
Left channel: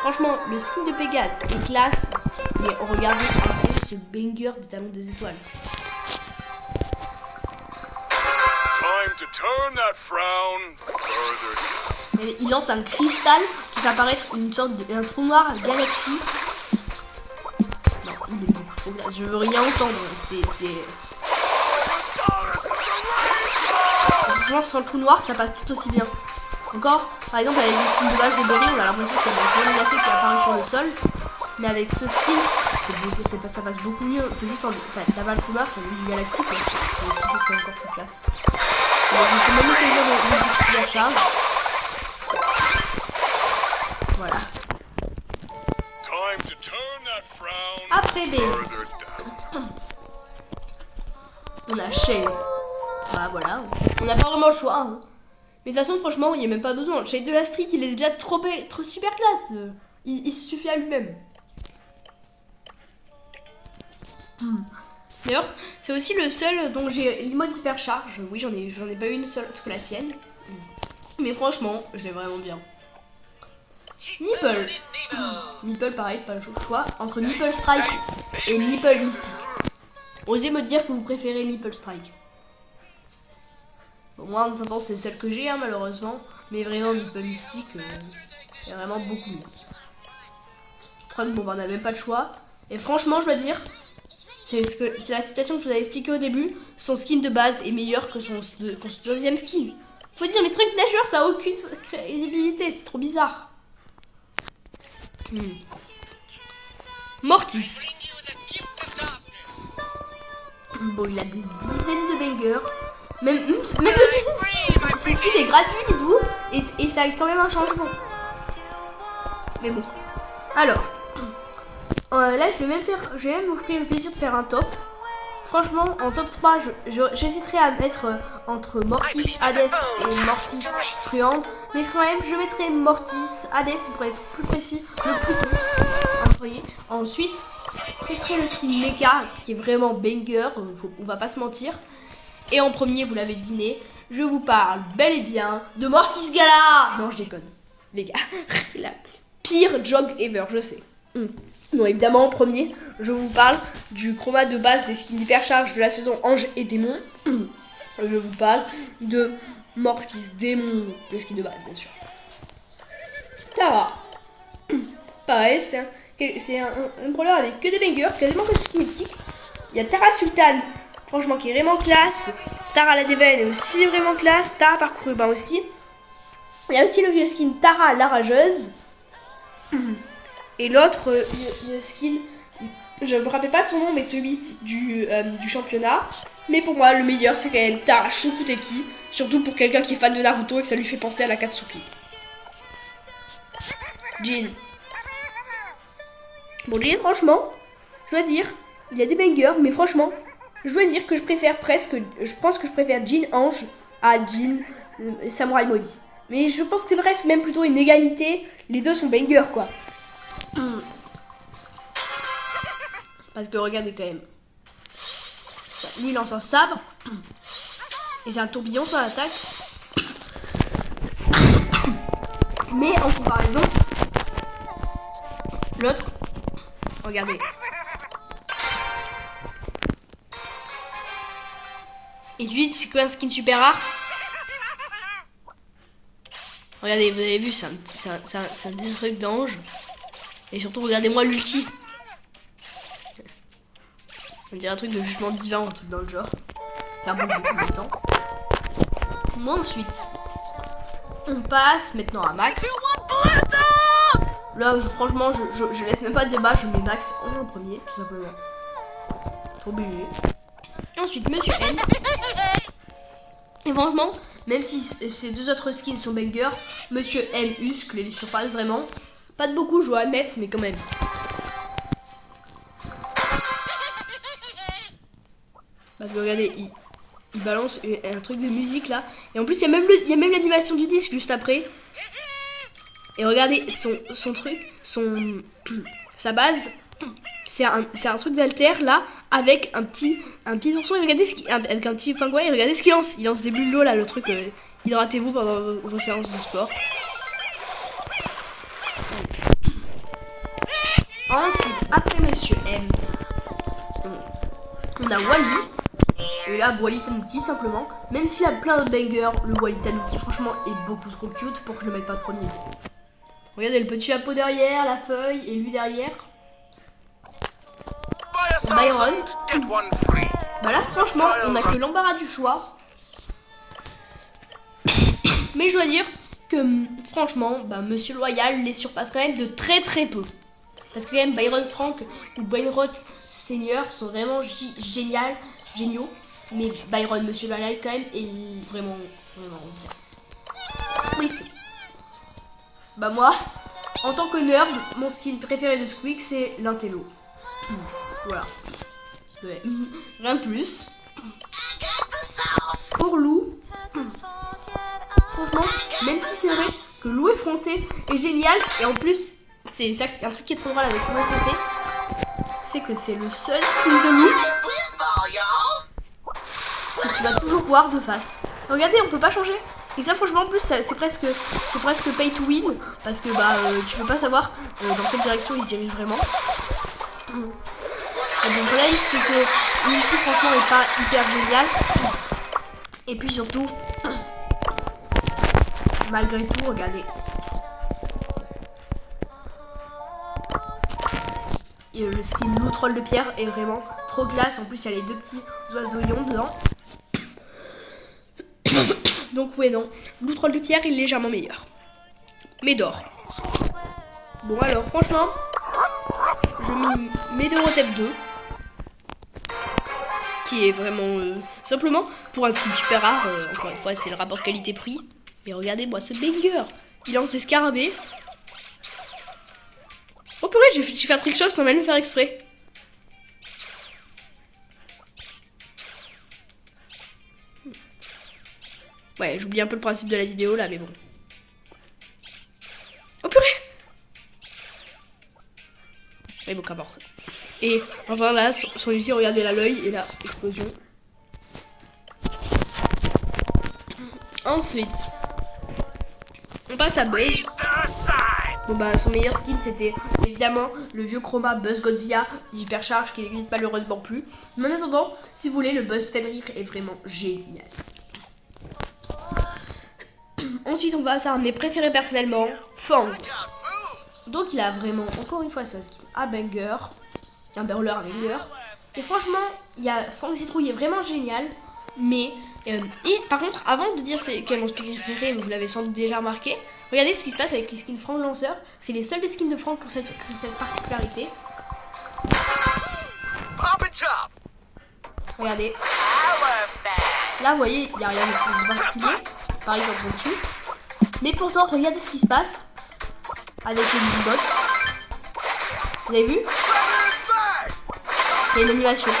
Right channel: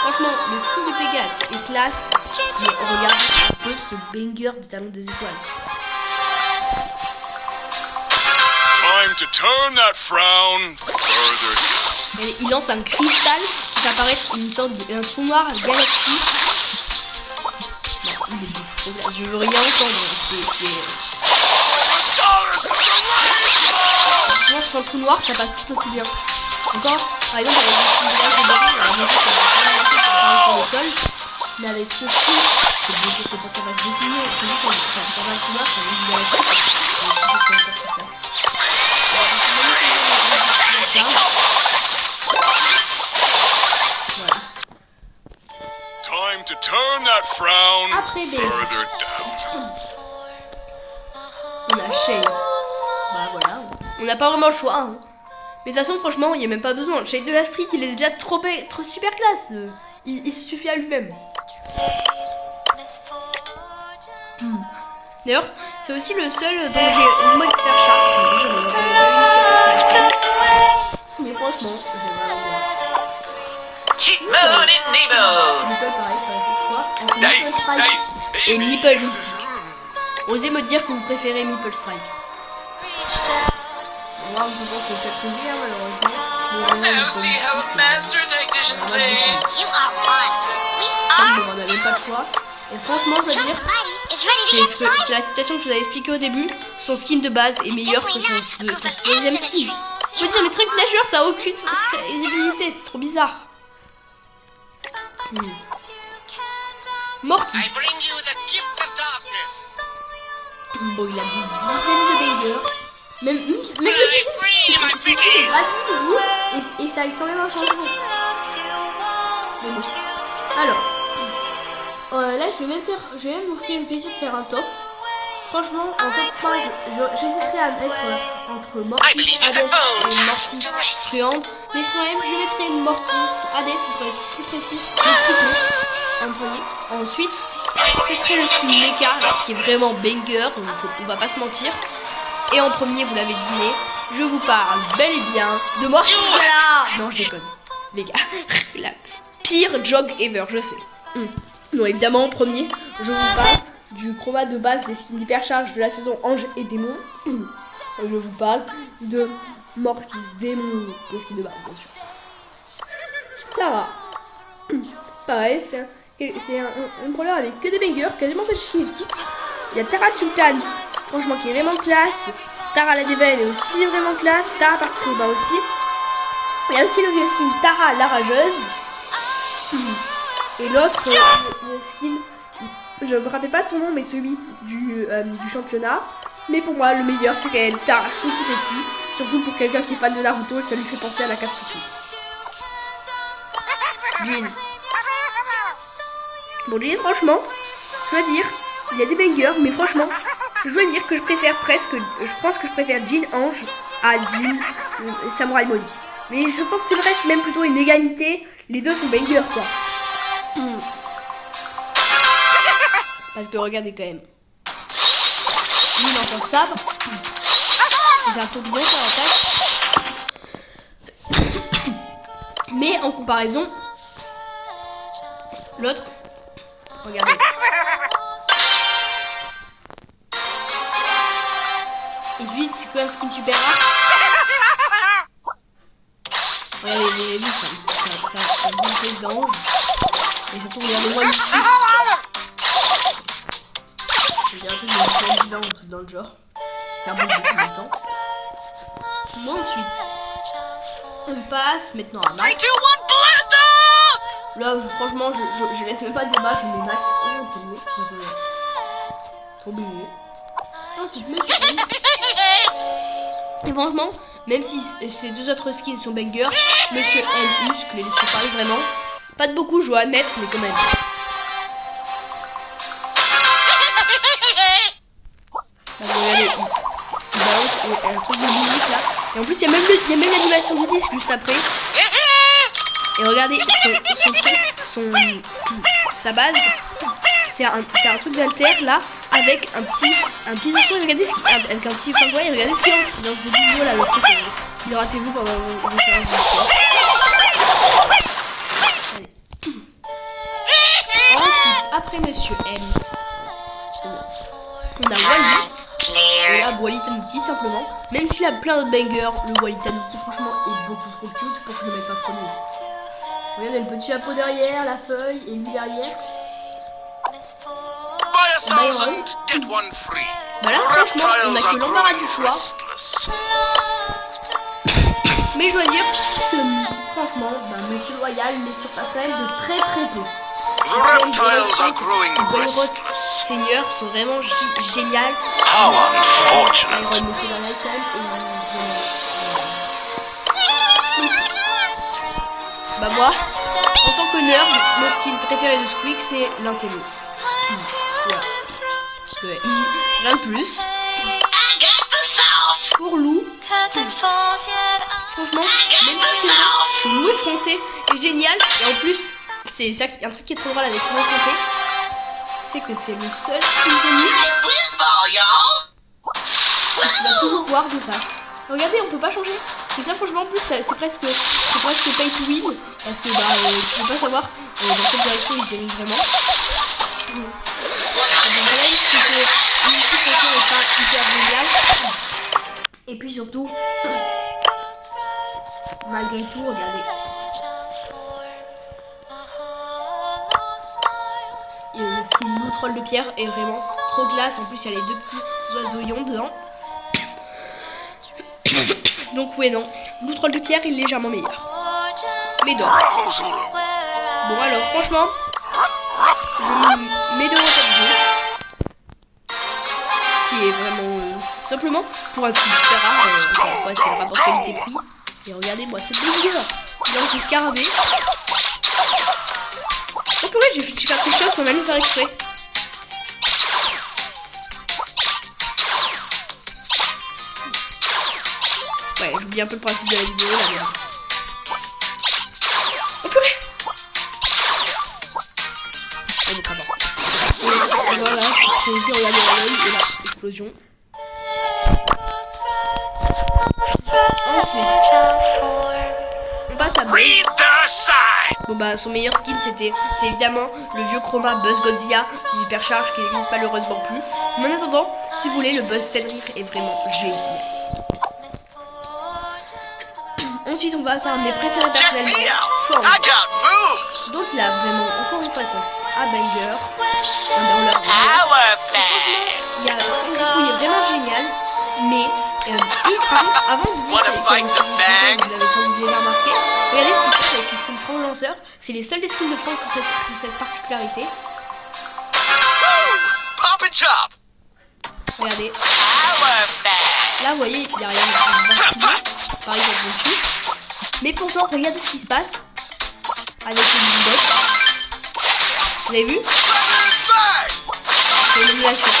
franchement, le skin de Pégase est classe. Mais regardez un peu ce banger d'Étalon des étoiles. Time to turn that frown further. Et il lance un cristal qui va apparaître une sorte de trou noir galaxie. Non, il est trop bien. Je veux rien entendre. Franchement, sur le trou noir, ça passe tout aussi bien. Encore, par exemple, avec le skin de base de Berry, on va la montrer comme un qui apparaît sur le sol. Mais avec ce skin, ça passe beaucoup mieux. C'est juste ça va le trou noir, ça va une galaxie. C'est encore plus classe. Je vais même essayer de la charge. Voilà. Time to turn that frown Après Berry, further down. on a Shale. Bah voilà. On n'a pas vraiment le choix. Hein. Mais de toute façon, franchement, il n'y a même pas besoin. Shale de la street, il est déjà trop super classe. Il se suffit à lui-même. D'ailleurs, c'est aussi le seul dont j'ai le mode hypercharge. J'en ai pas eu une seule parce que la sienne. Mais franchement, j'ai vraiment bien. Cheat mode in Nemo. Nipple pareil, pas le choix entre Nipple Strike et Nipple Mystique. Osez me dire que vous préférez Nipple Strike. Moi, en temps, c'est celle que j'ai, hein, malheureusement. Mais vraiment, Nipple Mystique, vraiment beaucoup. Comme on n'a même pas de choix. Et franchement, je dois dire, c'est la citation que je vous avais expliquée au début. Son skin de base est meilleur que son deuxième skin. Faut dire, mais Trick Nageur, ça a aucune crédibilité, c'est trop bizarre. Mortis. Bon, il a des dizaines de bangers. Même le deuxième skin, ce skin est gratuit et tout. Et ça a quand même un changement. Mais bon. Alors. Là, je vais même m'offrir le plaisir de faire un top. Franchement, en top 3, j'hésiterai à mettre entre Mortis, Hades et Mortis Truand. Mais quand même, je mettrai Mortis, Hades pour être plus précis, le plus tôt. Ensuite, ce serait le skin Mecha, qui est vraiment banger, on va pas se mentir. Et en premier, vous l'avez deviné, je vous parle bel et bien de Mortis Gala. Non, je déconne, les gars. La pire jog ever, je sais. Non, évidemment, en premier, je vous parle du chroma de base des skins d'hypercharge de la saison Ange et Démon. Je vous parle de Mortis Démon, des skins de base, bien sûr. Tara. Pareil, c'est un brawler avec que des bangers, quasiment que des skins mythiques. Il y a Tara Sultan, franchement, qui est vraiment classe. Tara la Deven est aussi vraiment classe. Tara Parcours urbain aussi. Il y a aussi le vieux skin Tara la Rageuse. Et l'autre, le skin, je ne me rappelle pas de son nom, mais celui du championnat. Mais pour moi, le meilleur, c'est quand même Tara Shukuteki. Surtout pour quelqu'un qui est fan de Naruto et que ça lui fait penser à la Katsuki. Jin. Bon, Jin, franchement, je dois dire, il y a des bangers, mais franchement, je dois dire que je pense que je préfère Jin Ange à Jin Samurai Maudit. Mais je pense que c'est presque même plutôt une égalité. Les deux sont bangers, quoi. Parce que regardez quand même. Lui lance un sabre. C'est un tourbillon sur l'attaque. Mais en comparaison, l'autre, regardez. Et lui, c'est quoi un skin super rare? Regardez, vous avez vu ça bouge d'ange. Et surtout, regardez-moi l'outil. Je vais dire un truc de mouvement divin, un truc dans le genre. Ça bouge depuis le temps. Moi ensuite, on passe maintenant à Max. Là, franchement, je laisse même pas de débat, je mets Max en premier, tout simplement. Trop obligé. Ensuite, Monsieur M. Et franchement, même si ces deux autres skins sont bangers, Monsieur M muscle et les surprise vraiment. Pas de beaucoup, je dois admettre, mais quand même. Bah, regardez, il balance un truc de musique là. Et en plus, il y a même l'animation du disque juste après. Et regardez, son truc, sa base, c'est un truc d'alter là, avec un petit instrument. Regardez avec un petit pingouin, et regardez ce qu'il lance des bulles là, le truc. Hydratez-vous pendant vos séances de sport. Ensuite, après Monsieur M, on a Wally. Et là, Wally Tanuki simplement. Même s'il a plein de bangers, le Wally Tanuki franchement est beaucoup trop cute pour que je le mette pas trop loin. Regardez le petit chapeau derrière, la feuille, et lui derrière. Byron. Bah là franchement, on a que l'embarras du choix. Mais je dois dire que franchement, bah, Monsieur Loyal les surpasse quand même de très très peu. Quatrième, Byron 5 et Byron Senior sont vraiment géniales. Byron Monsieur Loyal quand même et bah moi, en tant que nerd, mon skin préféré de Squeak c'est l'intello. Voilà. Ouais. Rien de plus. Pour Lou, franchement, même si c'est vrai que Lou effronté est génial, et en plus, c'est ça, un truc qui est trop drôle avec Lou effronté, c'est que c'est le seul skin de Lou que tu vas toujours voir de face. Regardez, on peut pas changer. Et ça, franchement, en plus, c'est presque pay to win, parce que bah, tu peux pas savoir dans quelle direction il dirige vraiment. Le problème, c'est que l'ulti, franchement, est pas hyper génial. Et puis surtout, malgré tout, regardez. Et le skin Lou Troll de pierre est vraiment trop classe. En plus, il y a les deux petits oiseaux ions dedans. Donc, ouais, non. Lou Troll de pierre est légèrement meilleur. Mais d'or. Bon, alors, franchement, je mets de tête 2. Qui est vraiment simplement pour un skin super rare. Encore une fois, c'est le rapport qualité-prix. Et regardez-moi ce banger. Il lance des scarabées. Oh purée, j'ai fait quelque chose sans même le faire exprès. Ouais, j'oublie un peu le principe de la vidéo là, mais... Oh purée. Et donc avant. Et voilà, celui-ci, regardez l'œil et là, explosion. Ensuite, on passe à Buzz. Bon bah son meilleur skin c'est évidemment le vieux Chroma Buzz Godzilla d'Hypercharge qui n'existe malheureusement plus. Mais en attendant, si vous voulez, le Buzz Fenrir est vraiment génial. Ensuite on passe à un de mes préférés personnellement, Fang. Donc il a vraiment encore une fois son style à banger, un burler. Et franchement, il y a Fang Citrouille est vraiment génial, mais et par contre, avant de dire c'est quel vous l'avez sans doute déjà remarqué, regardez ce qui se passe avec les skins Franck Lanceur. C'est les seuls des skins de Franck qui ont cette particularité. Regardez. Là, vous voyez, il n'y a rien de particulier. Par exemple, le cul. Mais pourtant, regardez ce qui se passe avec le Bombot. Vous avez vu? C'est l'élimination.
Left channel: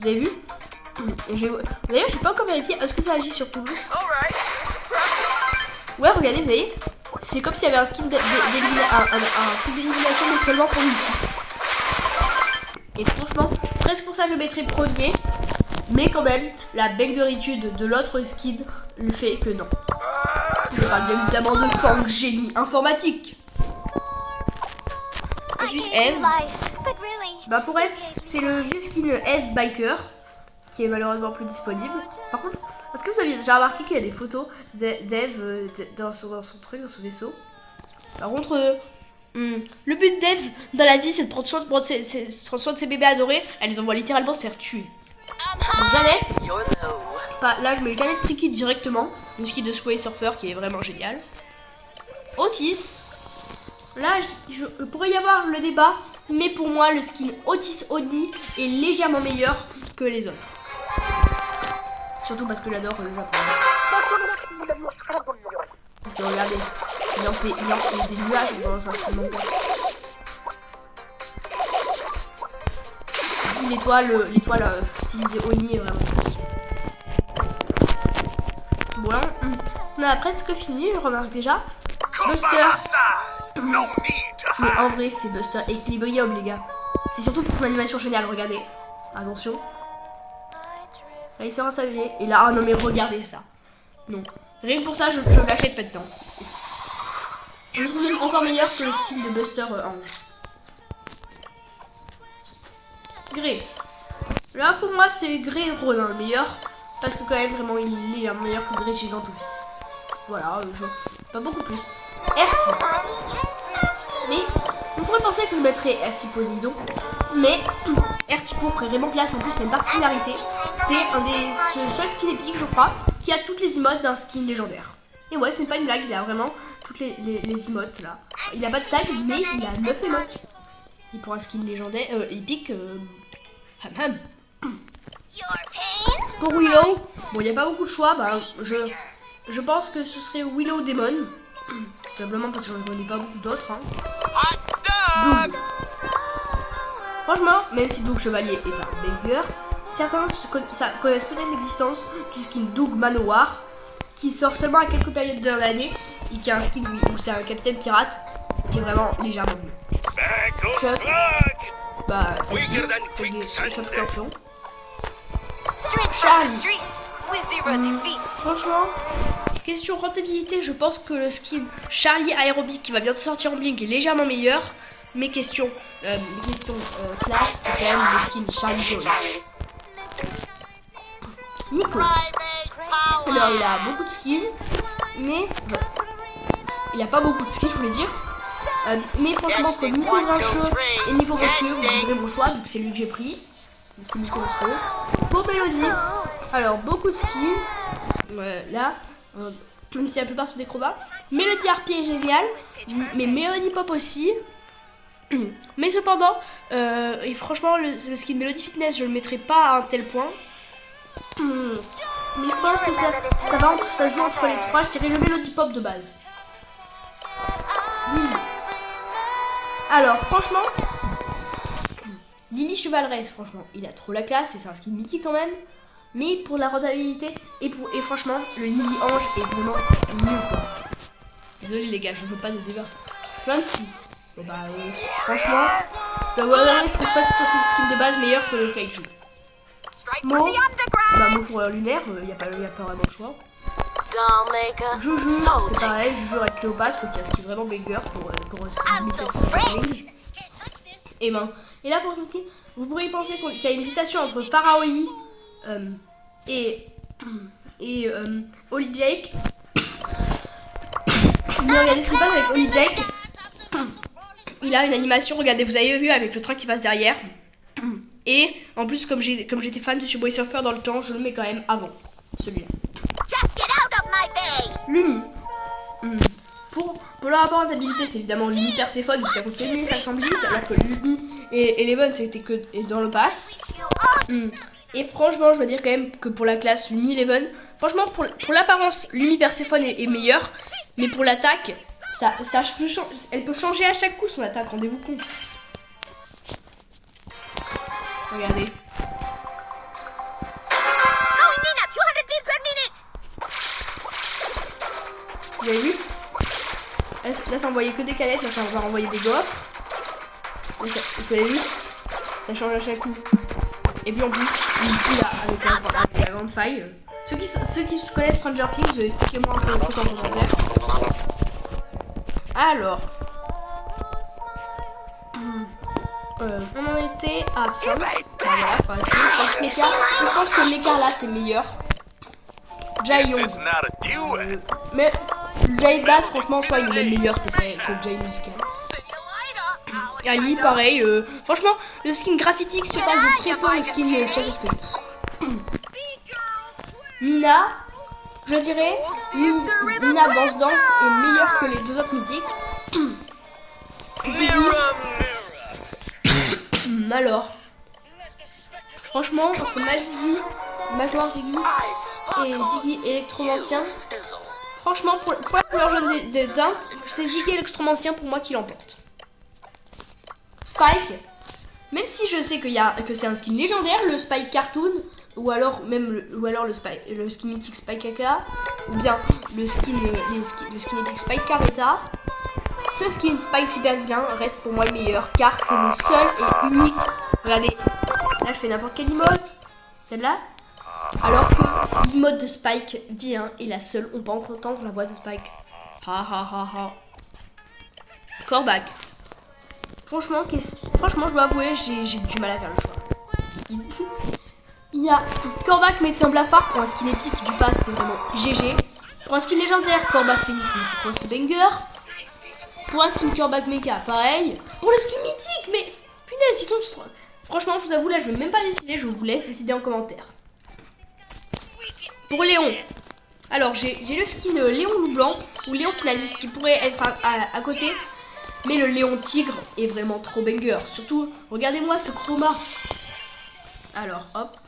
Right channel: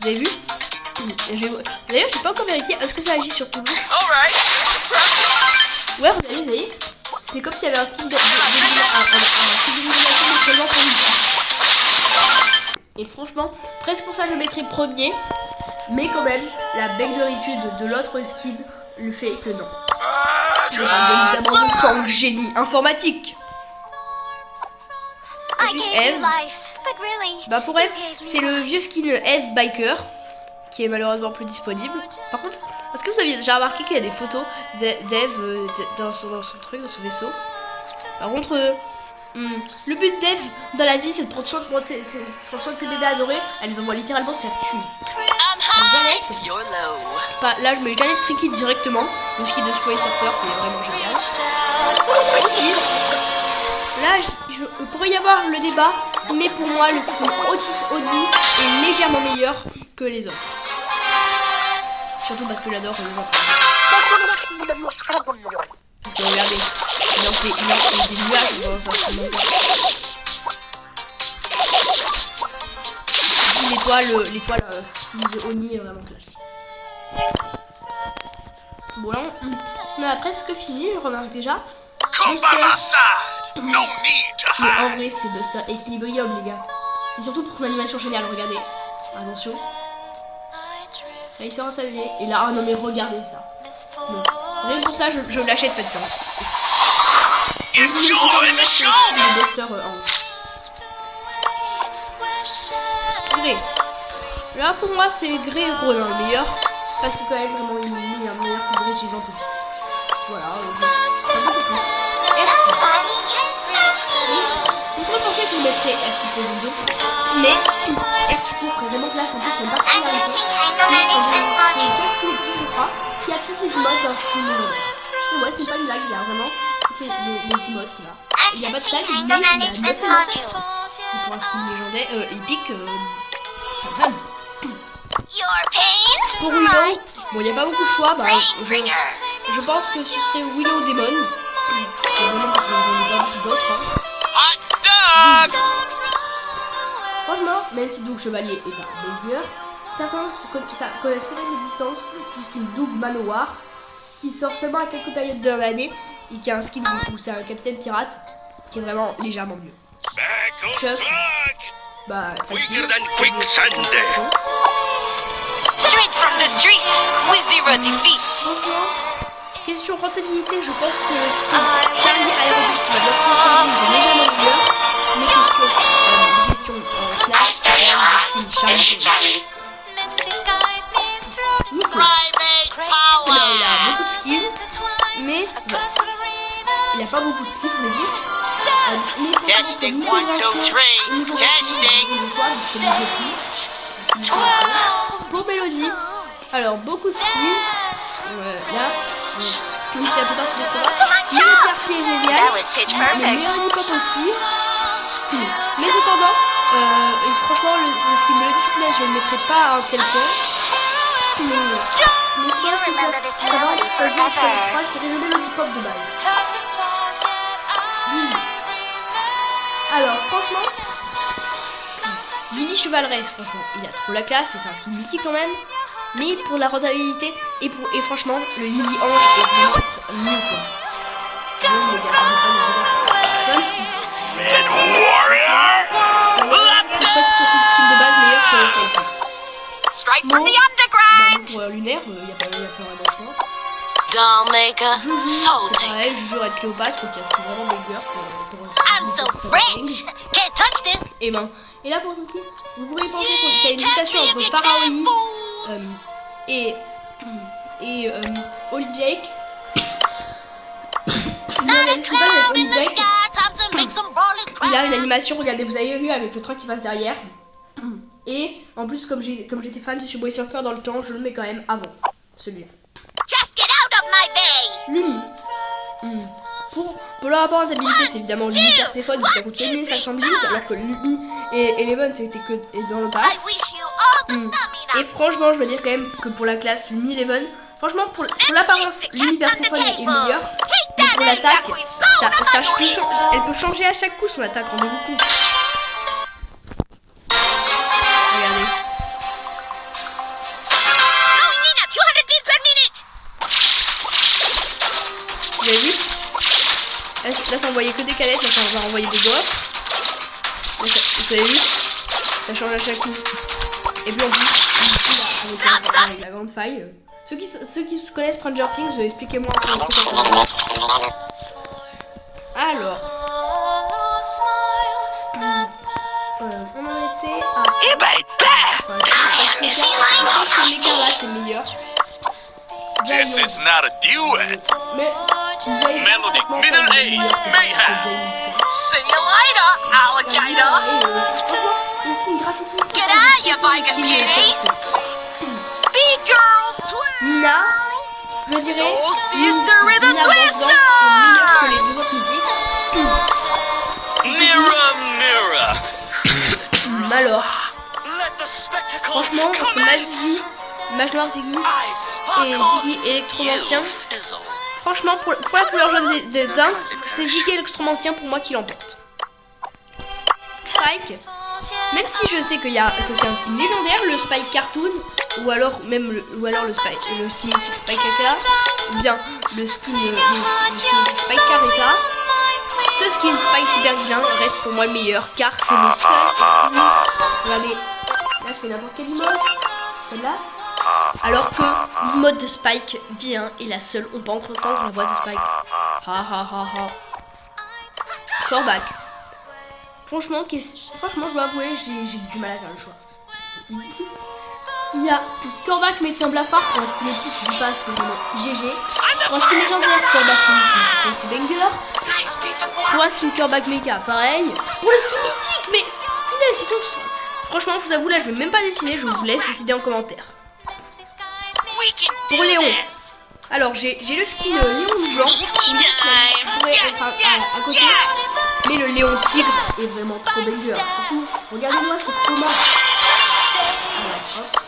Vous avez vu? D'ailleurs, j'ai pas encore vérifié. Est-ce que ça agit sur tout le monde? Ouais, regardez, vous voyez? C'est comme s'il y avait un skin d'élimination, mais seulement pour lui. Et franchement, presque pour ça, je le mettrais premier. Mais quand même, la bangeritude de l'autre skin le fait que non. Je parle bien évidemment de Fang génie informatique. Ensuite, Eve. Bah pour Eve, c'est le vieux skin Eve Biker qui est malheureusement plus disponible. Par contre, est-ce que vous aviez déjà remarqué qu'il y a des photos d'Eve dans son truc, dans son vaisseau? Par contre, le but d'Eve dans la vie, c'est de prendre soin de ses bébés adorés. Elle les envoie littéralement se faire tuer. Donc Jeannette, là je mets Jeannette Tricky directement, le ski de Sway Surfer qui est vraiment génial. Otis, là il pourrait y avoir le débat Mais pour moi, le skin Otis Oni est légèrement meilleur que les autres. Surtout parce que j'adore le Japon. Parce que regardez, il en fait des nuages dans sa skin. L'étoile de Oni est vraiment. Bon là, on a presque fini, je remarque déjà. Buster. Mais en vrai, c'est Buster Equilibrium, les gars. C'est surtout pour son animation géniale, regardez. Attention. Là, il sort à s'habiller. Et là, oh non, mais regardez ça. Non. Rien que pour ça, je l'achète maintenant. Et je vous encore meilleur que le skin de Buster Ange. Grey. Là, pour moi, c'est Grey Ronin le meilleur. Parce que, quand même, vraiment, il est meilleur que Grey Gigant Office. Voilà, pas beaucoup plus. RT. Mais on pourrait penser qu'on mettrait RT Poséidon. Mais RT ferait vraiment place. En plus, c'est une particularité. C'est le seul skin épique, je crois, qui a toutes les emotes d'un skin légendaire. Et ouais, c'est pas une blague, il a vraiment toutes les emotes là. Il n'y a pas de tag, mais il a 9 emotes. Et pour un skin légendaire, épique, pour Willow, bon, il n'y a pas beaucoup de choix. Bah, je pense que ce serait Willow Demon. Vraiment parce que j'en ai pas beaucoup d'autres. Doug. Franchement, même si Doug Chevalier est un banger, certains connaissent peut-être l'existence du skin Doug Manowar, qui sort seulement à quelques périodes de l'année et qui a un skin où c'est un capitaine pirate qui est vraiment légèrement mieux. Chuck, bah facile. Straight from the streets with zero defeats. Franchement, question rentabilité, je pense que le skin Charlie Aerobic qui va bientôt sortir en ligne est légèrement meilleur. Mais question classe, c'est quand même le skin Charlie Aerobic. Nico. Alors il a beaucoup de skins, mais bon, il a pas beaucoup de skins, je veux dire. Mais franchement, pour Nico Grincheux et Nico Grincheux, vous aurez mon choix, c'est le milieu prix. C'est Nico Grincheux. Pour Mélodie, alors beaucoup de skins. Là, même si la plupart c'est des combats. Mélodie Harpie est génial, mais Mélodie Pop aussi. Mais cependant, et franchement, le skin Mélodie Fitness, je le mettrai pas à un tel point. Mais je pense que ça va entre les trois, je dirais le Mélodie Pop de base. Lily. Alors, franchement, Lily Chevaleresse, franchement, il a trop la classe, et c'est un skin mythique quand même. Mais pour la rentabilité, et franchement, le Lily Ange est vraiment mieux, quoi. Désolé les gars, je ne veux pas de dégâts. 26. Franchement, le Warrior c'est presque son skin de base meilleur que le Kaiki. Bon, bah, fourrure lunaire, il n'y a pas vraiment le choix. Joujou, c'est pareil, Joujou avec Cléopâtre, qui a ce qui est vraiment meilleur pour et ben, et là pour le skin, vous pourriez penser qu'il y a une hésitation entre Pharaoh et Holy Jake. Mais regardez ce qui passe avec Holy Jake. Il a une animation, regardez, vous avez vu avec le train qui passe derrière. Et en plus, comme j'étais fan de Subway Surfer dans le temps, je le mets quand même avant celui-là. Lumi. Pour la rentabilité, c'est évidemment Lumi Perséphone qui a coûté 1500 bits, alors que Lumi et Eleven c'était que dans le pass. Et franchement, je dois dire quand même que pour la classe Lumi Eleven, franchement pour l'apparence, Lumi Perséphone est meilleure, mais pour l'attaque, elle peut changer à chaque coup son attaque, rendez-vous compte. Regardez. Vous avez vu? Là ça envoyait que des canettes, là ça va envoyer des gaufres. Vous avez vu? Ça change à chaque coup. Et puis en plus, ici là, avec la grande faille. Ceux qui connaissent Stranger Things, expliquez-moi un peu le truc en. Alors. On en était à. Je pense que l'écarlate est meilleur. Mais Jay Bass, franchement, ça il est meilleur que Jay Gagne, pareil. Franchement, le skin graphitique se passe de très peu le skin Shadow. Mina, je dirais, Mina Boss Dance est meilleure que les deux autres mythiques. alors, Let the spectacle franchement, entre Mage Noir Ziggy et Ziggy Électromancien, franchement, pour la couleur jaune des teintes, c'est Ziggy Électromancien pour moi qui l'emporte. Spike, même si je sais que c'est un skin légendaire, le Spike Cartoon, ou alors le skin mythique Spike Kaka, ou bien le skin mythique Spike Careta, ce skin Spike Super Vilain reste pour moi le meilleur, car c'est le seul et unique. Regardez, là je fais n'importe quel emote, celle-là, alors que l'emote de Spike V1 est la seule, on peut entendre la voix de Spike. Ha ha ha ha. Corbac. Franchement, je dois avouer, j'ai du mal à faire le choix. Il y a Corbac médecin blafard pour un skin épique du pass, c'est vraiment GG. Pour un skin légendaire, Corbac Phoenix, mais c'est quoi ce banger? Pour un skin Corbac méga, pareil. Pour le skin mythique, mais punaise, sinon, franchement, je vous avoue, là, je vais même pas décider, je vous laisse décider en commentaire. Pour Léon, alors j'ai le skin Léon loup blanc, ou Léon finaliste qui pourrait être à côté. Mais le Léon Tigre est vraiment trop banger. Surtout, regardez-moi ce chroma. Alors, hop.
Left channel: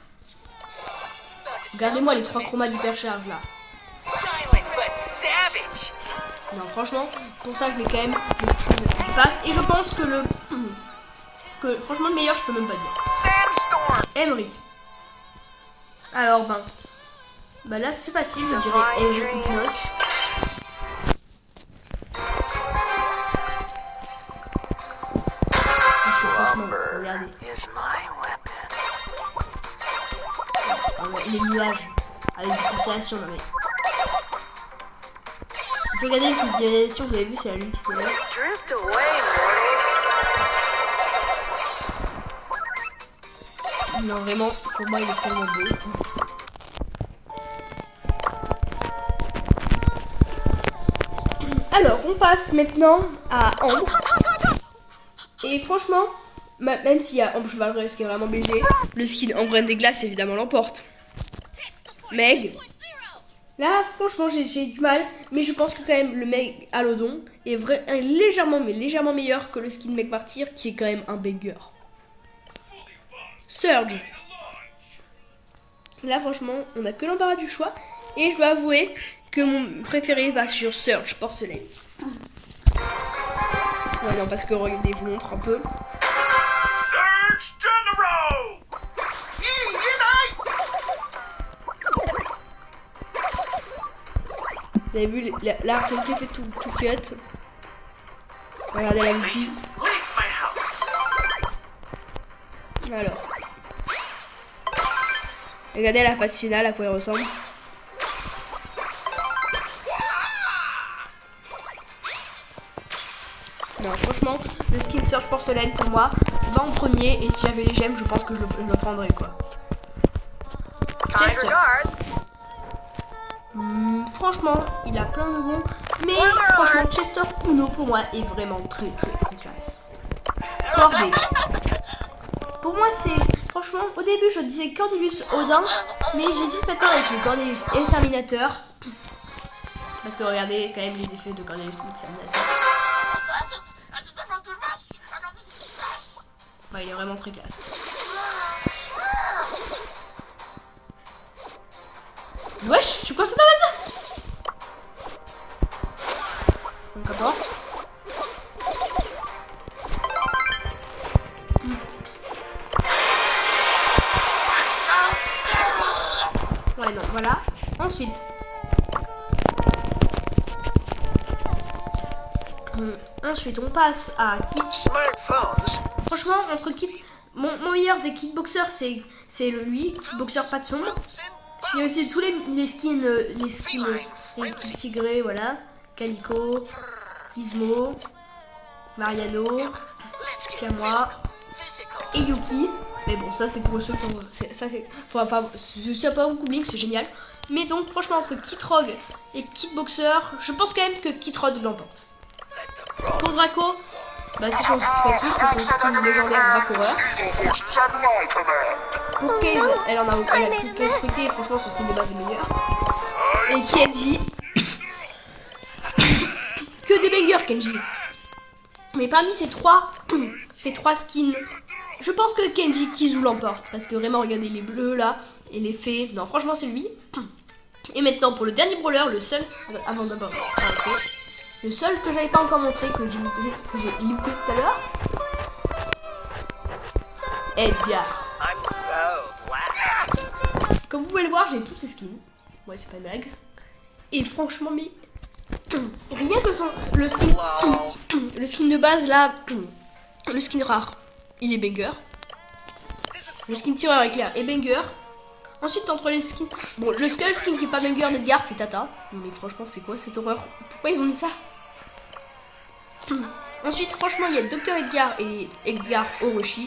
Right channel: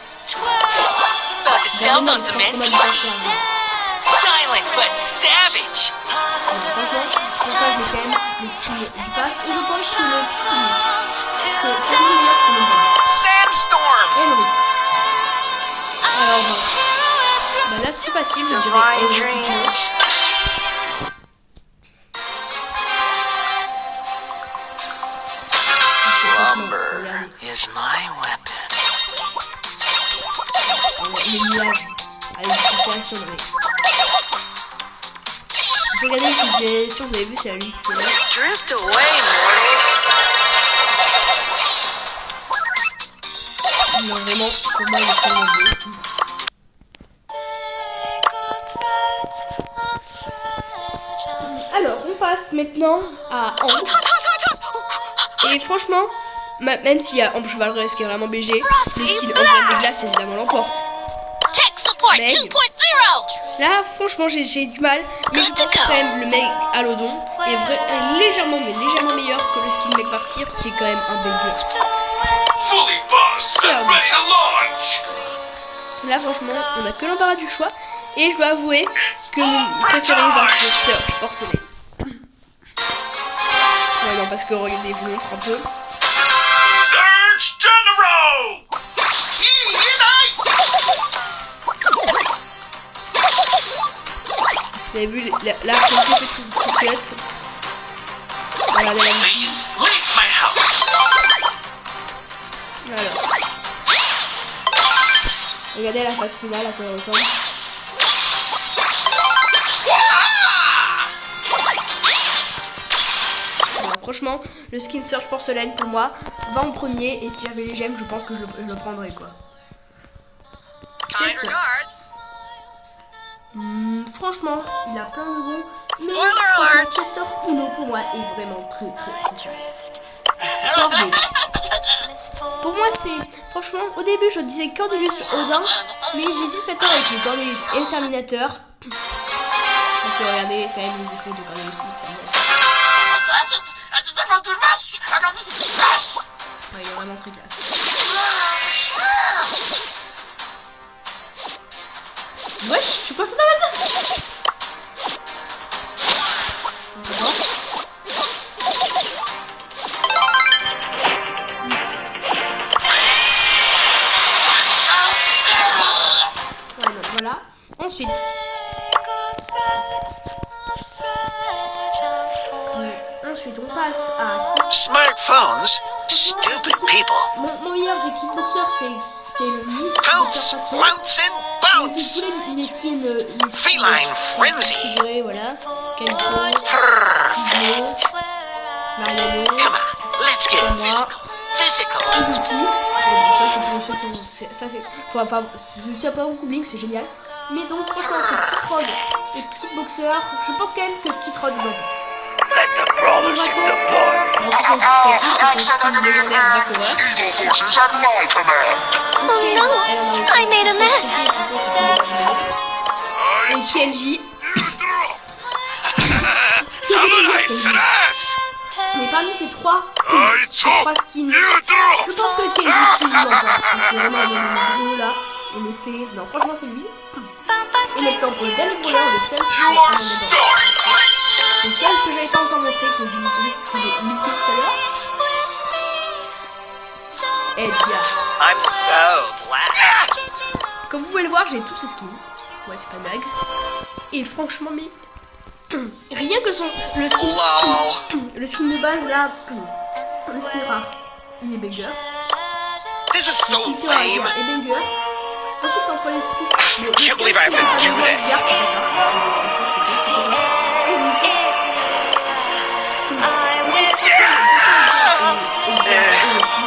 Regardez-moi le chroma du percharge. Non, franchement, c'est pour ça que je mets quand même les skins qui passent. Et je pense que franchement, le meilleur, je peux même pas dire. Emery. Alors, bah là, c'est facile, je dirais Emery. is my weapon. Les nuages avec des situations de regardez une visualisation, vous avez vu, c'est la lune qui s'élève. Drift away, mortals. Non, vraiment, pour moi, il est tellement beau. Alors, on passe maintenant à Ambre. Et franchement, même s'il y a Ambre Chevalerie qui est vraiment BG, le skin Ambre des Glaces évidemment l'emporte. Meg, là franchement j'ai du mal, mais je pense que quand même le Meg Alodon est légèrement meilleur que le skin Meg Martyr qui est quand même un banger. Third. Là franchement on a que l'embarras du choix et je dois avouer que mon préféré va sur Surge Porcelaine. Ouais non parce que regardez, je vous montre un peu. Surge General! Vous avez vu la qualité fait tout cut. Regardez la musique. Alors. Regardez la phase finale à quoi elle ressemble. Bon, franchement, le skin Surge Porcelaine pour moi va en premier et si j'avais les gemmes, je pense que je le prendrais quoi. Chester. Franchement, il a plein de bons, mais franchement, Chester Kuno pour moi est vraiment très classe. Corday. Pour moi, c'est franchement, au début, je disais Cordelius Odin, mais j'hésite maintenant avec le Cordelius Exterminateur. Parce que regardez quand même les effets de Cordelius Exterminateur. Ouais, il est vraiment très classe. Wesh, je suis coincé dans la zone. D'accord. Ouais, non, voilà. Ensuite. Ensuite, on passe à Kit. Smartphones, Franchement, stupid Kit, people. mon meilleur des Kickboxers, c'est lui, Kickboxer pas de son. Bounce and Il y a aussi tous les skins Feline Frenzy. Tigré, voilà. Calico, Gizmo, Mariano, Let's get moi physical. et Yuki. Mais bon, ça c'est pour ceux qui ont... Ça c'est... Faut pas... Je sais pas beaucoup Blink, c'est génial. Mais donc franchement, entre Kit Rogue et Kickboxer, je pense quand même que Kit Rogue l'emporte. Pour Draco, bah c'est son skin légendaire Dracoreur. Pour Kenji, elle en a aucun. Franchement, c'est son dommage meilleur. Et Kenji. Que des bangers, Kenji. Mais parmi ces trois skins, je pense que Kenji Kizu l'emporte. Parce que vraiment, il y a les bleus là, et les fées. Non, franchement, c'est lui. Et maintenant, pour le dernier brawler, le seul. Le seul que j'avais pas encore montré, que j'ai loupé tout à l'heure. Edgar. I'm so glad. Comme vous pouvez le voir, j'ai tous ces skins. Ouais, c'est pas une blague. Et franchement, mais rien que le skin de base là, le skin rare, il est banger. This is Le so skin tireur lame. Edgar est banger. Ensuite, entre les skins, bon, le skin qui est pas banger Edgar, c'est Tata. Mais franchement, c'est cool, c'est horreur. Ouais, ils ont dit ça. Ensuite, franchement, il y a Dr Edgar et Edgar Orochi.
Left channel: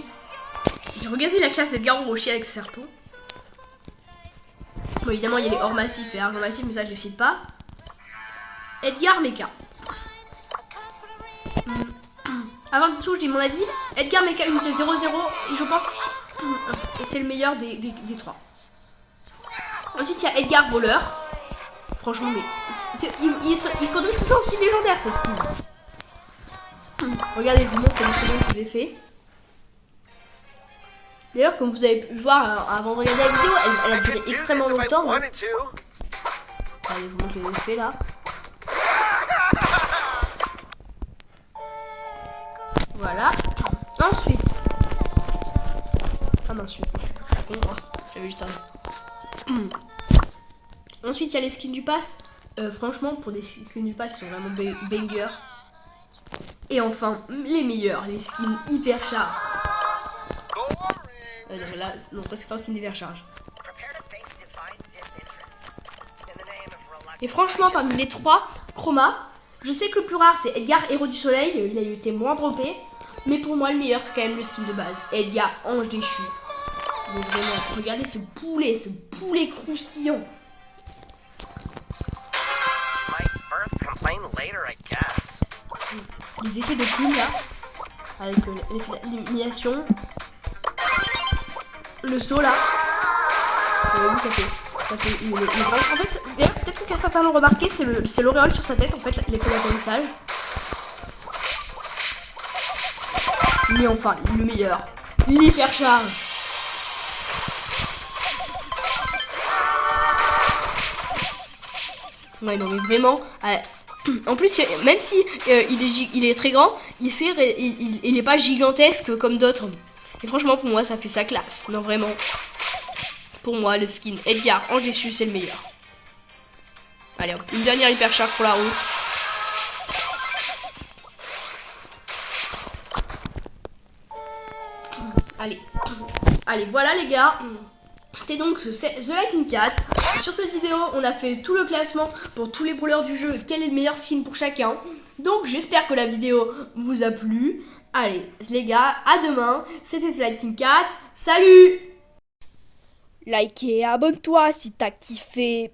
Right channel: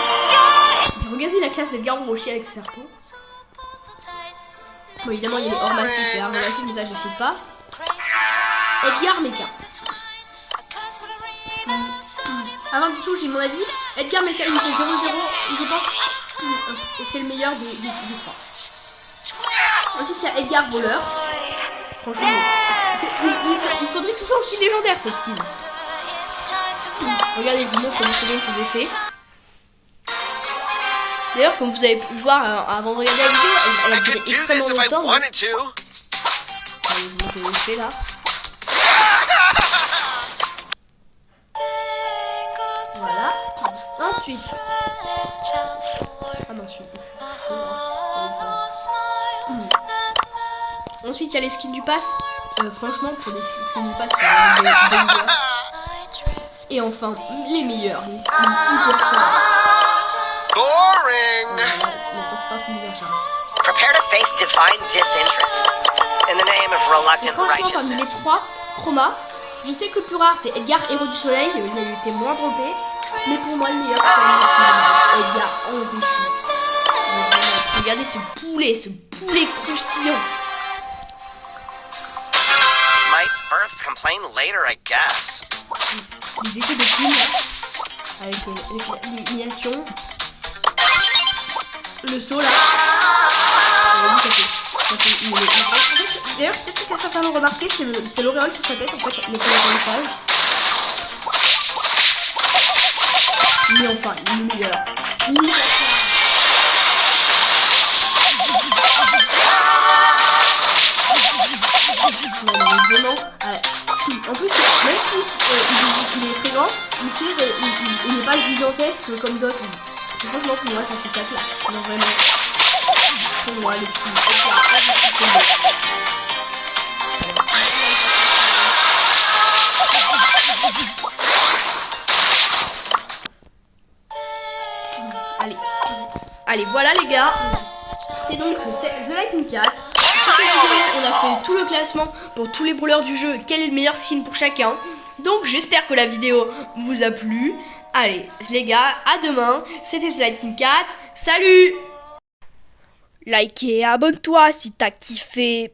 Regardez la classe d'Edgar Orochi avec ses serpents. Bon, évidemment, il y a les hors massifs et armes massifs, mais ça, je ne cite pas. Edgar Mecha. Avant tout, je dis mon avis. Edgar Mecha unité 0-0, et je pense que c'est le meilleur des trois. Ensuite, il y a Edgar Voleur. Franchement, il faudrait que ce soit un skin légendaire, ce skin. Regardez, je vous montre le second de ses effets. D'ailleurs, comme vous avez pu voir avant de regarder la vidéo, elle a duré Do extrêmement this if I longtemps. wanted to. Allez, je vous montre les effets là. Voilà. Ensuite. Ah mince, ensuite, il y a les skins du pass. Franchement, pour les skins du pass, c'est vraiment des bangers. Et enfin, les meilleurs, les skins hyper chargés. Boring. Voilà, non, c'est pas un skin hyper chargé. Prepare to face divine disinterest. In the name of Et reluctant franchement, parmi les righteousness. trois chromas, je sais que le plus rare c'est Edgar Héros du Soleil, il a été moins trompé. Mais pour moi, le meilleur c'est quand même le skin de base. Edgar Ange déchu. Donc, vraiment, regardez ce poulet croustillant. Might first complain later, I guess. Les effets de plume là, avec l'élimination. Le saut là. Oui, ça fait une grande. En fait, d'ailleurs, peut-être que certains l'ont remarqué, c'est l'auréole sur sa tête, en fait, l'effet d'atterrissage. Mais enfin, le meilleur. L'hyper charge. Ouais, non, mais vraiment. En plus, même si il est très grand, il n'est pas gigantesque comme d'autres. Et franchement, pour moi, ça fait sa classe. Non, vraiment. Pour moi, le skin Edgar en dessus, c'est le meilleur. Allez, on gagne avec la charge sur la roue. Allez, voilà les gars. C'était donc The Lightning Cat. Sur cette vidéo, on a fait tout le classement pour tous les brawlers du jeu. Quel est le meilleur skin pour chacun. Donc j'espère que la vidéo vous a plu. Allez, les gars, à demain. C'était The Lightning Cat. Salut! Like et abonne-toi si t'as kiffé.